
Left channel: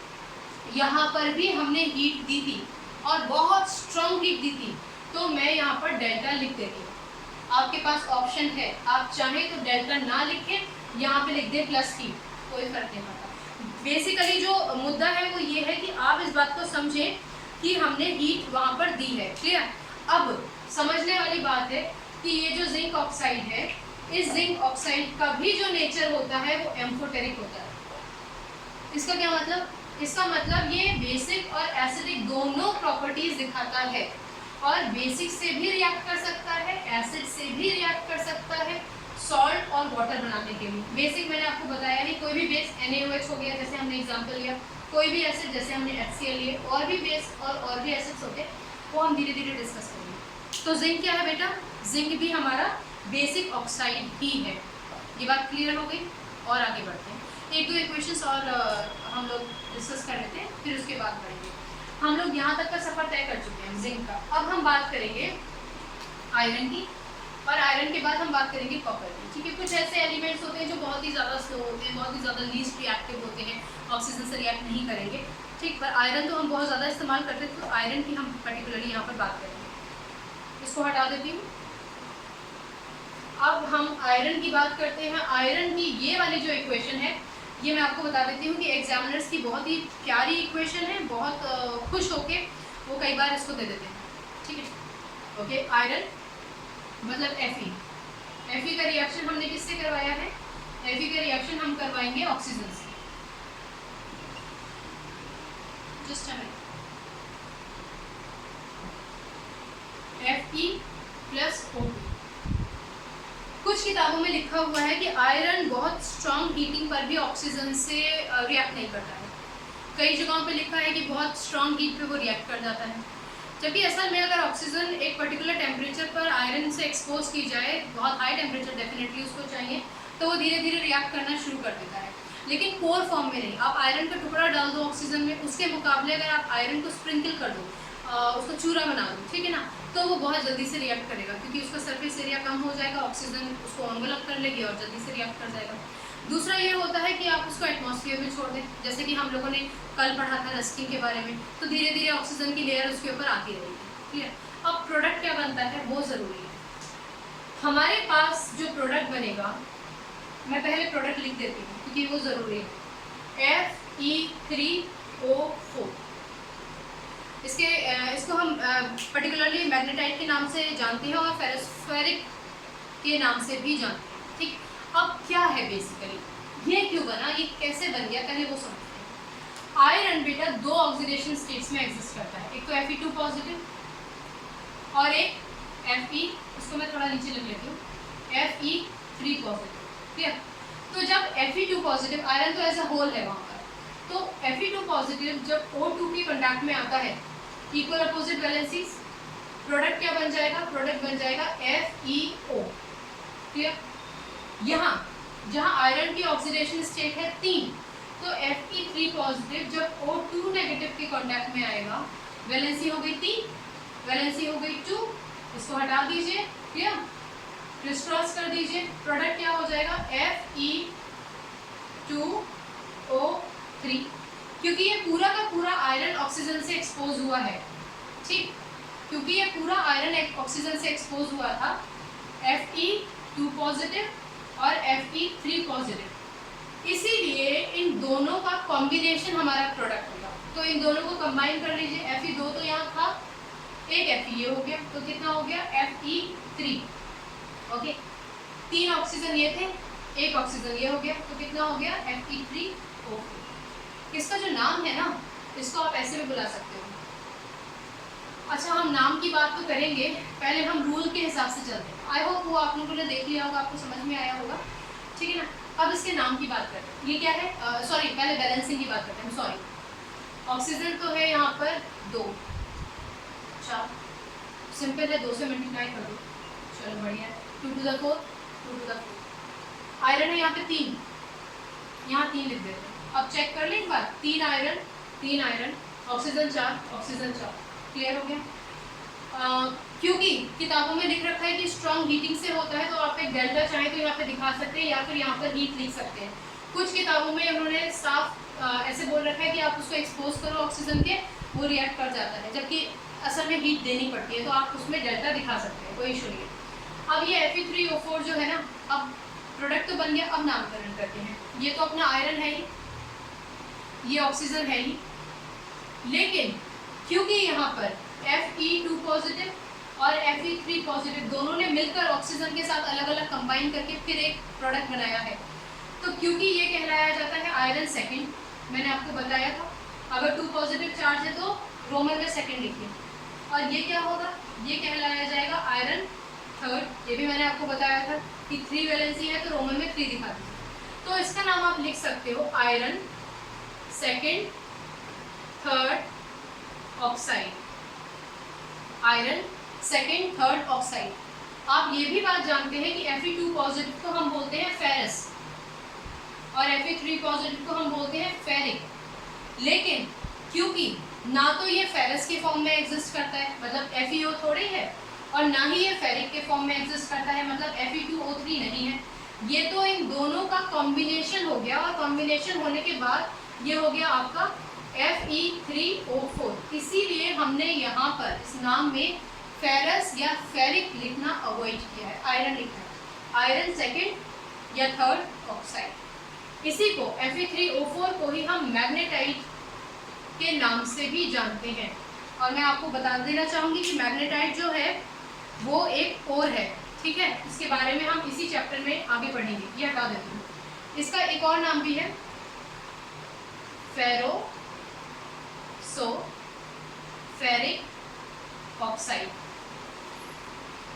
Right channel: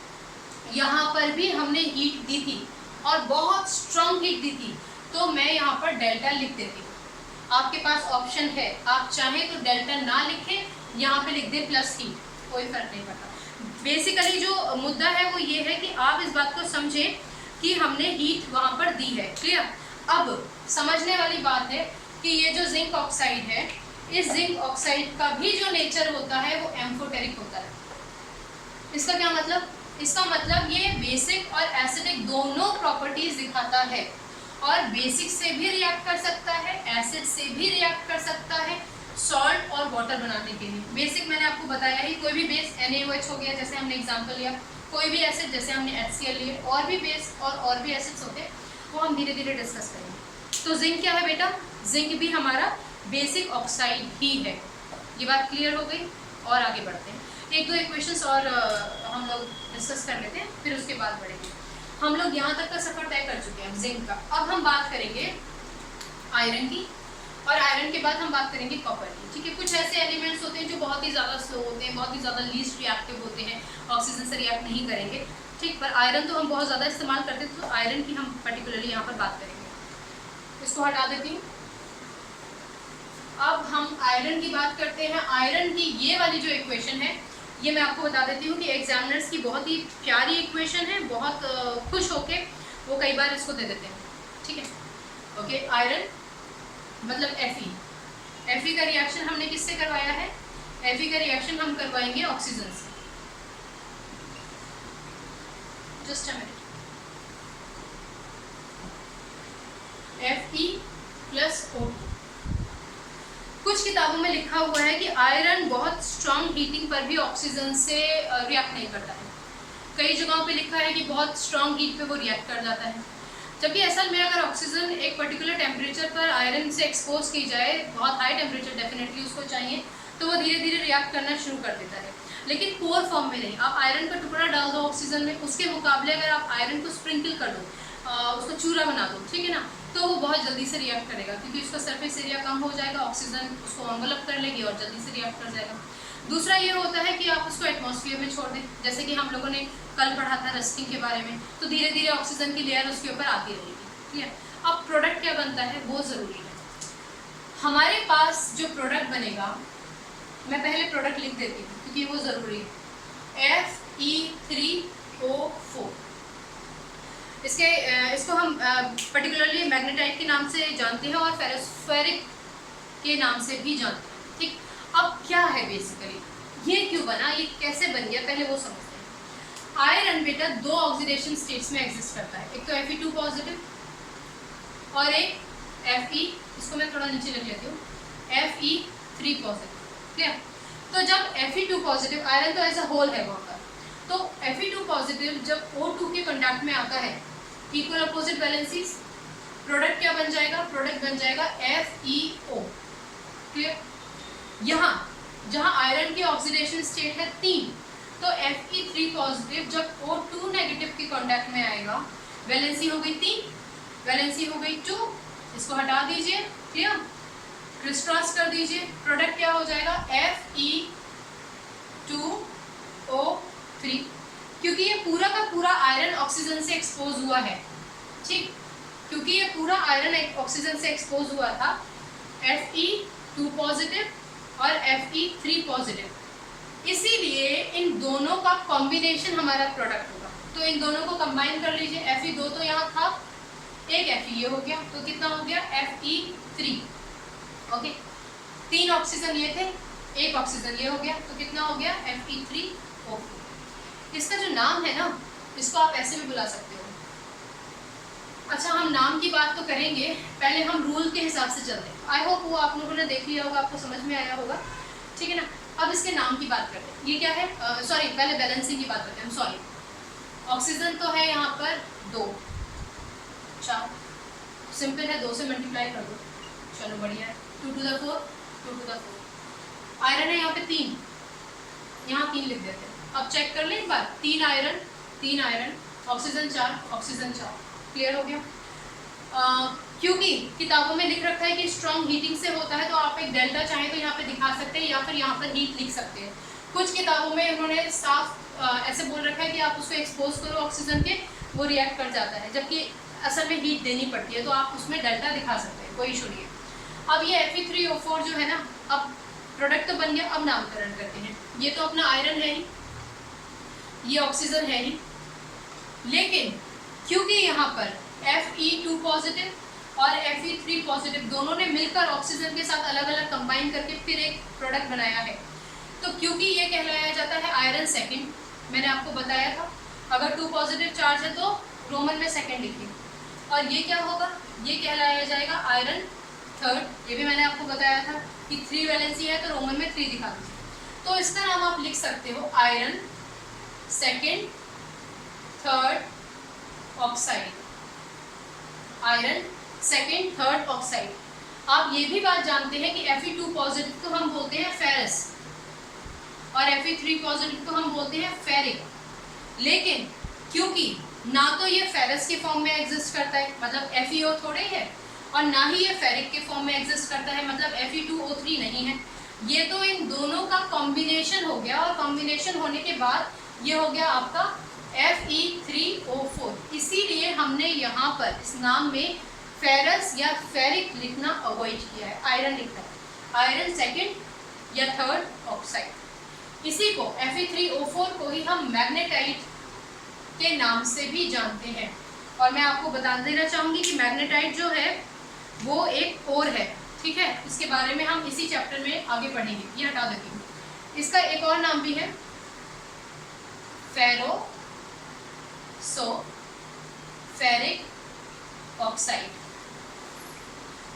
यहाँ पर भी हमने हीट दी थी और बहुत स्ट्रॉन्ग हीट दी थी, तो मैं यहाँ पर डेल्टा लिख देती हूँ। आपके पास ऑप्शन है, आप चाहें तो डेल्टा ना लिखें, यहाँ पे लिख दें प्लस हीट, कोई फर्क नहीं पड़ता। बेसिकली जो मुद्दा है वो ये है कि आप इस बात को समझें कि हमने हीट वहाँ पर दी है। क्लियर? अब समझने वाली बात है कि ये जो जिंक ऑक्साइड है, इस जिंक ऑक्साइड का भी जो नेचर होता है वो एम्फोटेरिक होता है। इसका क्या मतलब? इसका मतलब ये बेसिक और एसिडिक दोनों प्रॉपर्टीज दिखाता है, और बेसिक से भी रिएक्ट कर सकता है, एसिड से भी रिएक्ट कर सकता है, सॉल्ट और वाटर बनाने के लिए। बेसिक मैंने आपको बताया ही, कोई भी बेस NaOH हो गया जैसे हमने एग्जांपल लिया, कोई भी एसिड जैसे हमने HCl लिए, और भी बेस और भी एसिड्स होते हैं, वो हम धीरे धीरे डिस्कस करेंगे। तो जिंक क्या है बेटा? जिंक भी हमारा बेसिक ऑक्साइड ही है। ये बात क्लियर हो गई? और आगे बढ़ते हैं, 1-2 इक्वेशंस और हम लोग डिस्कस कर लेते हैं, फिर उसके बाद बढ़ेंगे। हम लोग यहाँ तक का सफ़र तय कर चुके हैं जिंक का। अब हम बात करेंगे आयरन की, और आयरन के बाद हम बात करेंगे कॉपर की। ठीक है, कुछ ऐसे एलिमेंट्स होते हैं जो बहुत ही ज़्यादा स्लो होते हैं, बहुत ही ज़्यादा लीस्ट रिएक्टिव होते हैं, ऑक्सीजन से रिएक्ट नहीं करेंगे। ठीक, पर आयरन तो हम बहुत ज़्यादा इस्तेमाल करते हैं, तो आयरन की हम पर्टिकुलरली यहाँ पर बात करेंगे। इसको हटा देती हूँ। अब हम आयरन की बात करते हैं। आयरन की ये वाली जो इक्वेशन है, ये मैं आपको बता देती हूँ कि एग्जामिनर्स की बहुत ही प्यारी इक्वेशन है, बहुत खुश होके वो कई बार इसको दे देते हैं। ठीक है, ओके। आयरन मतलब Fe का रिएक्शन हमने किससे करवाया है? Fe का रिएक्शन हम करवाएंगे ऑक्सीजन से। Just a minute. Fe+O2। कुछ किताबों में लिखा हुआ है कि आयरन बहुत स्ट्रॉन्ग हीटिंग पर भी ऑक्सीजन से रिएक्ट नहीं करता है। कई जगहों पे लिखा है कि बहुत स्ट्रॉन्ग हीट पे वो रिएक्ट कर जाता है, जबकि असल में अगर ऑक्सीजन एक पर्टिकुलर टेम्परेचर पर आयरन से एक्सपोज की जाए, बहुत हाई टेम्परेचर डेफिनेटली उसको चाहिए, तो वो धीरे धीरे रिएक्ट करना शुरू कर देता है, लेकिन कोर फॉर्म में नहीं। आप आयरन का टुकड़ा डाल दो ऑक्सीजन में, उसके मुकाबले अगर आप आयरन को स्प्रिंकल कर दो, उसको चूरा बना दो, ठीक है ना, तो वो बहुत जल्दी से रिएक्ट करेगा, क्योंकि उसका सरफेस एरिया कम हो जाएगा, ऑक्सीजन उसको एनवेलप कर लेगी और जल्दी से रिएक्ट कर जाएगा। दूसरा ये होता है कि आप उसको एटमॉस्फेयर में छोड़ दें, जैसे कि हम लोगों ने कल पढ़ा था रस्टिंग के बारे में, तो धीरे धीरे ऑक्सीजन की लेयर उसके ऊपर आती रहेगी। क्लियर? अब प्रोडक्ट क्या बनता है वो ज़रूरी है। हमारे पास जो प्रोडक्ट बनेगा, मैं पहले प्रोडक्ट लिख देती हूँ क्योंकि वो ज़रूरी है। Fe3O4, इसको हम पर्टिकुलरली मैग्नेटाइट के नाम से जानते हैं और फेरोस्फेरिक के नाम से भी जानते हैं। ठीक, अब क्या है बेसिकली, ये क्यों बना, ये कैसे बन गया, पहले वो समझते हैं। आयरन बेटा दो ऑक्सीडेशन स्टेट्स में एग्जिस्ट करता है, एक तो Fe2 पॉजिटिव और एक Fe, इसको मैं थोड़ा नीचे लिख लेती हूँ, Fe3 पॉजिटिव। क्लियर? तो जब Fe2 पॉजिटिव, आयरन तो एज अ होल है वहाँ पर, तो Fe2 पॉजिटिव जब O2 के कॉन्टैक्ट में आता है, इक्वल अपोजिट वैलेंसीज, प्रोडक्ट क्या बन जाएगा, प्रोडक्ट बन जाएगा FeO। क्लियर? यहाँ जहाँ आयरन की ऑक्सीडेशन स्टेट है 3, तो Fe3 पॉजिटिव जब O2 नेगेटिव के कॉन्टैक्ट में आएगा, वैलेंसी हो गई 3, वैलेंसी हो गई 2, इसको हटा दीजिए। क्लियर? क्रिस क्रॉस कर दीजिए, प्रोडक्ट क्या हो जाएगा, Fe2O3, क्योंकि ये पूरा का पूरा आयरन ऑक्सीजन से एक्सपोज हुआ है। ठीक, क्योंकि ये पूरा आयरन ऑक्सीजन से एक्सपोज हुआ था, Fe2 पॉजिटिव और Fe3 पॉजिटिव, इसीलिए इन दोनों का कॉम्बिनेशन हमारा प्रोडक्ट होगा। तो इन दोनों को कंबाइन कर लीजिए, Fe2 तो यहाँ था, एक Fe ये हो गया, तो कितना हो गया, Fe3। ओके, 3 ऑक्सीजन ये थे, एक ऑक्सीजन ये हो गया, तो कितना हो गया, Fe3O4। इसका जो नाम है ना, इसको आप ऐसे भी बुला सकते हो। अच्छा, हम नाम की बात तो करेंगे, पहले हम रूल के हिसाब से चलते हैं। आई होप वो आप लोगों ने देख लिया होगा, आपको समझ में आया होगा। ठीक है ना? अब इसके नाम की बात करते हैं। ये क्या है, सॉरी पहले बैलेंसिंग की बात करते हैं, सॉरी। ऑक्सीजन तो है यहाँ पर 2, अच्छा सिंपल है, 2 से मल्टीप्लाई कर दो, चलो बढ़िया है, 2 to the 4, 2 to the 4। Iron है यहाँ पे 3, यहाँ 3 लिख देते हैं। अब चेक कर लें एक बार, 3 iron, 3 iron, oxygen 4, oxygen 4। Clear हो गया? क्योंकि किताबों में लिख रखा है कि स्ट्रॉन्ग हीटिंग से होता है, तो आप एक डेल्टा चाहें तो यहाँ पे दिखा सकते हैं या फिर यहाँ पर हीट लिख सकते हैं। कुछ किताबों में उन्होंने साफ ऐसे बोल रखा है कि आप उसको एक्सपोज करो ऑक्सीजन के, वो रिएक्ट कर जाता है, जबकि असल में हीट देनी पड़ती है, तो आप उसमें डेल्टा दिखा सकते हैं, कोई इशू नहीं है। अब ये Fe3O4 जो है ना, अब प्रोडक्ट तो बन गया, अब नामकरण करते हैं। ये तो अपना आयरन है ही, ये ऑक्सीजन है ही, लेकिन क्योंकि यहाँ पर Fe2 पॉजिटिव और Fe3 पॉजिटिव दोनों ने मिलकर ऑक्सीजन के साथ अलग अलग कंबाइन करके फिर एक प्रोडक्ट बनाया है, तो क्योंकि ये कहलाया जाता है आयरन सेकंड, मैंने आपको बताया था, अगर 2 पॉजिटिव चार्ज है तो रोमन में सेकंड लिखिए, और ये क्या होगा, ये कहलाया जाएगा आयरन थर्ड। ये भी मैंने आपको बताया था कि 3 वैलेंसी है तो रोमन में 3 दिखा दीजिए, तो इसका नाम आप लिख सकते हो iron second third oxide, iron second third oxide. आप ये भी बात जानते हैं कि Fe2 पॉजिटिव को हम बोलते हैं फेरस और Fe3 पॉजिटिव को हम बोलते हैं फेरिक, लेकिन क्योंकि ना तो ये फेरस के फॉर्म में एग्जिस्ट करता है, मतलब FeO थोड़े है, और ना ही ये फेरिक के फॉर्म में एग्जिस्ट करता है, मतलब Fe2O3 नहीं है, ये तो इन दोनों का कॉम्बिनेशन हो गया, और कॉम्बिनेशन होने के बाद ये हो गया आपका Fe3O4। इसीलिए हमने यहाँ पर इस नाम में फेरस या फेरिक लिखना अवॉइड किया है, आयरन लिखा है, आयरन सेकंड या थर्ड ऑक्साइड। इसी को Fe3O4 को ही हम मैग्नेटाइट के नाम से भी जानते हैं। और मैं आपको बता देना चाहूँगी कि मैग्नेटाइट जो है वो एक कोर है, ठीक है, इसके बारे में हम इसी चैप्टर में आगे पढ़ेंगे। ये हटा देती हूँ। इसका एक और नाम भी है फेरोसोफेरिक ऑक्साइड,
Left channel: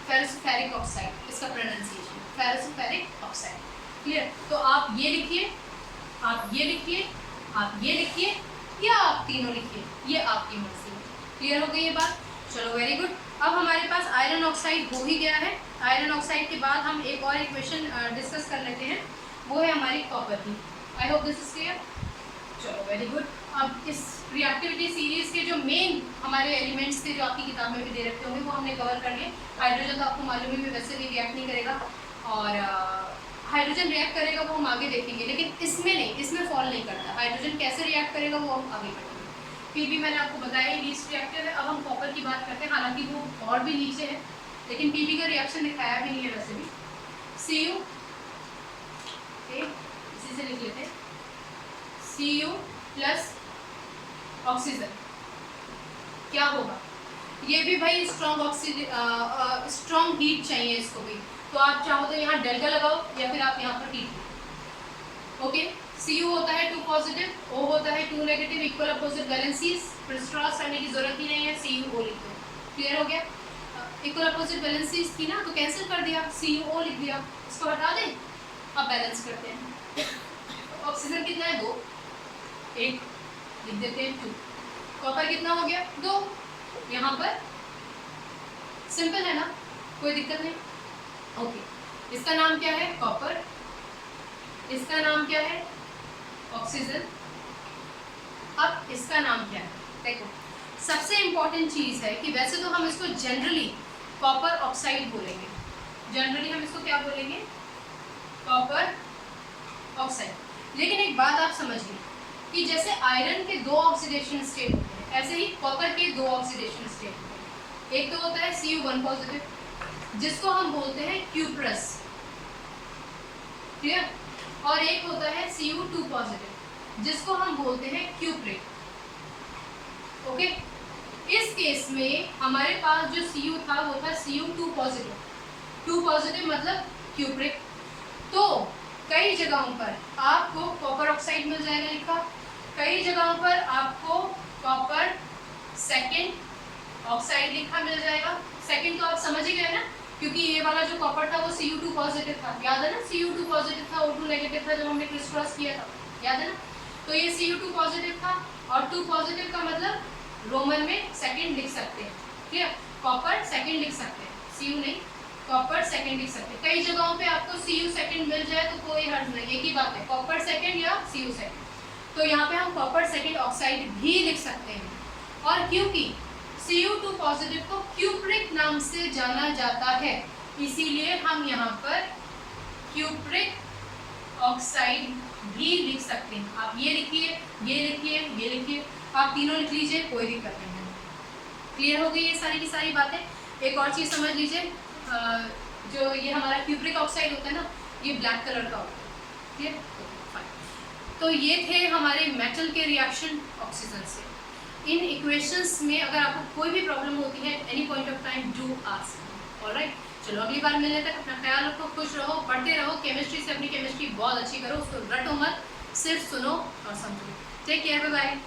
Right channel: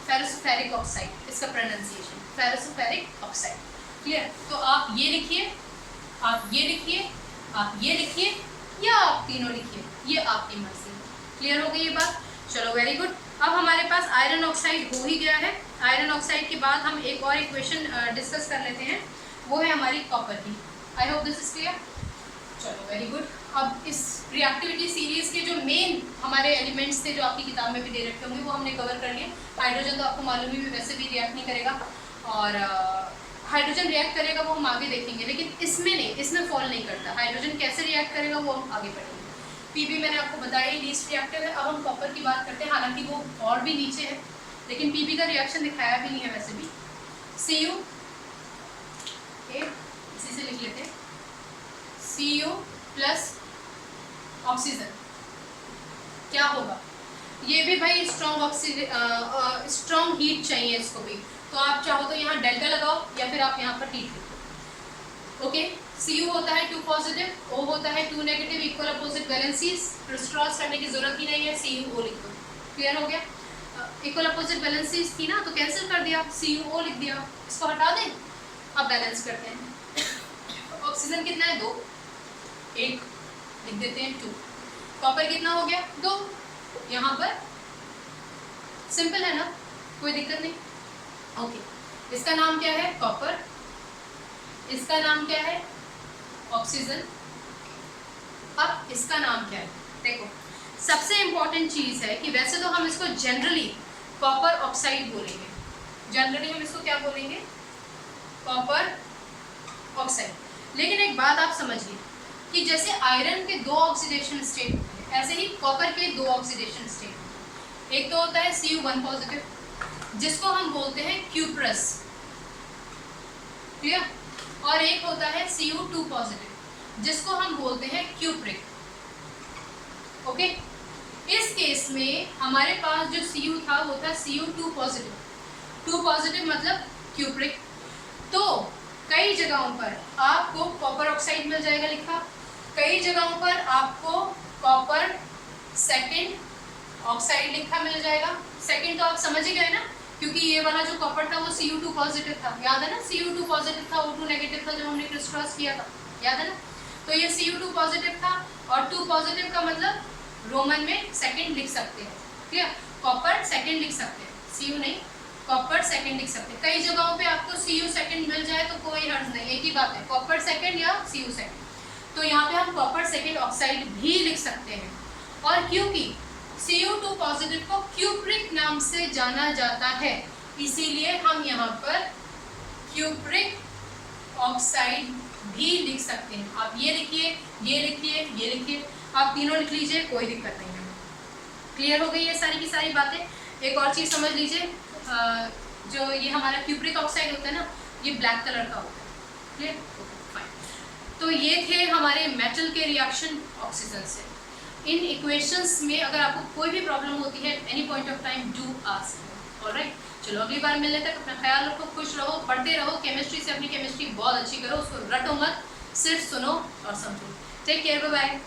फेरोसोफेरिक ऑक्साइड इसका प्रोनाउंसिएशन, फेरोसोफेरिक ऑक्साइड। क्लियर? तो आप ये लिखिए, आप ये लिखिए, आप ये लिखिए, या आप तीनों लिखिए, ये आपकी मर्जी। क्लियर हो गई ये बात? चलो वेरी गुड। अब हमारे पास आयरन ऑक्साइड हो ही गया है। आयरन ऑक्साइड के बाद हम एक और इक्वेशन डिस्कस कर लेते हैं, वो है हमारी कॉपर की। I hope this is clear. चलो वेरी गुड। अब इस रिएक्टिविटी सीरीज के जो मेन हमारे एलिमेंट्स थे जो आपकी किताब में भी दे रखे होंगे वो हमने कवर कर लिया। हाइड्रोजन तो आपको मालूम ही वैसे भी रिएक्ट नहीं करेगा, और हाइड्रोजन रिएक्ट करेगा वो हम आगे देखेंगे, लेकिन इसमें नहीं, इसमें फॉल नहीं करता। हाइड्रोजन कैसे रिएक्ट करेगा वो हम आगे पढ़ेंगे। पीबी मैंने आपको बताया ही लीस्ट रिएक्टिव है। अब हम कॉपर की बात करते हैं, हालांकि वो और भी नीचे है, लेकिन Pb का रिएक्शन दिखाया भी नहीं है वैसे भी। Cu, इसी से लिख लेते हैं, Cu प्लस ऑक्सीजन क्या होगा, ये भी भाई स्ट्रॉन्ग हीट चाहिए इसको भी, तो आप चाहो तो यहाँ डेल्टा लगाओ या फिर आप यहाँ पर हीट। ओके, Cu होता है 2 पॉजिटिव, O होता है 2 नेगेटिव, इक्वल अपोजिट वैलेंसीज, क्रिस्टॉस करने की जरूरत ही नहीं है, CuO लिख दो। क्लियर हो गया? इक्वल अपोजिट वैलेंसीज थी ना, तो कैंसिल कर दिया, CuO लिख दिया, इसको हटा दें। अब बैलेंस करते हैं। ऑक्सीजन कितना है 2, 1 लिख देते हैं 2। कॉपर कितना हो गया 2, यहाँ पर सिंपल है ना, कोई दिक्कत नहीं। ओके, इसका नाम क्या है कॉपर, इसका नाम क्या है ऑक्सीजन। अब इसका नाम क्या है, देखो सबसे इंपॉर्टेंट चीज़ है कि वैसे तो हम इसको जनरली कॉपर ऑक्साइड बोलेंगे, जनरली हम इसको क्या बोलेंगे कॉपर ऑक्साइड। लेकिन एक बात आप समझिए कि जैसे आयरन के 2 ऑक्सीडेशन स्टेट होते हैं, ऐसे ही कॉपर के 2 ऑक्सीडेशन स्टेट होते हैं। एक तो होता है Cu1 पॉजिटिव जिसको हम बोलते हैं क्यूप्रस, क्लियर, और एक होता है Cu2 पॉजिटिव जिसको हम बोलते हैं क्यूप्रिक। ओके, इस केस में हमारे पास जो Cu था वो था Cu2 पॉजिटिव, 2 पॉजिटिव मतलब क्यूप्रिक। तो कई जगहों पर आपको कॉपर ऑक्साइड मिल जाएगा लिखा, कई जगहों पर आपको कॉपर सेकंड ऑक्साइड लिखा मिल जाएगा। सेकंड तो आप समझ ही गए ना, क्योंकि ये वाला जो कॉपर था वो Cu2 पॉजिटिव था, याद है ना, Cu2 पॉजिटिव था, O2 नेगेटिव था जब हमने क्रिस्टॉस किया था, याद है ना। तो ये Cu2 पॉजिटिव था और 2 पॉजिटिव का मतलब रोमन में सेकंड लिख सकते हैं, ठीक है, कॉपर सेकंड लिख सकते हैं, Cu नहीं, कॉपर सेकंड लिख सकते हैं। कई जगहों पे आपको Cu सेकंड मिल जाए तो कोई हर्ज नहीं, एक ही बात है, कॉपर सेकंड या Cu सेकंड। तो यहाँ पे हम कॉपर सेकंड ऑक्साइड भी लिख सकते हैं। और क्योंकि Cu2 पॉजिटिव को क्यूप्रिक नाम से जाना जाता है, इसीलिए हम यहाँ पर क्यूप्रिक ऑक्साइड भी लिख सकते हैं। आप ये लिखिए, ये लिखिए, ये लिखिए, आप तीनों लिख लीजिए, कोई दिक्कत नहीं है। क्लियर हो गई ये सारी की सारी बातें। एक और चीज़ समझ लीजिए, जो ये हमारा क्यूप्रिक ऑक्साइड होता है ना, ये ब्लैक कलर का होता है, क्लियर, फाइन। तो ये थे हमारे मेटल के रिएक्शन ऑक्सीजन से। इन इक्वेशंस में अगर आपको कोई भी प्रॉब्लम होती है any point of time, do ask. Alright, चलो अगली बार मिलने तक अपना ख्याल रखो, खुश रहो, पढ़ते रहो, केमिस्ट्री से अपनी केमिस्ट्री बहुत अच्छी करो, उसको रटो मत, सिर्फ सुनो और समझो। Take care, bye bye.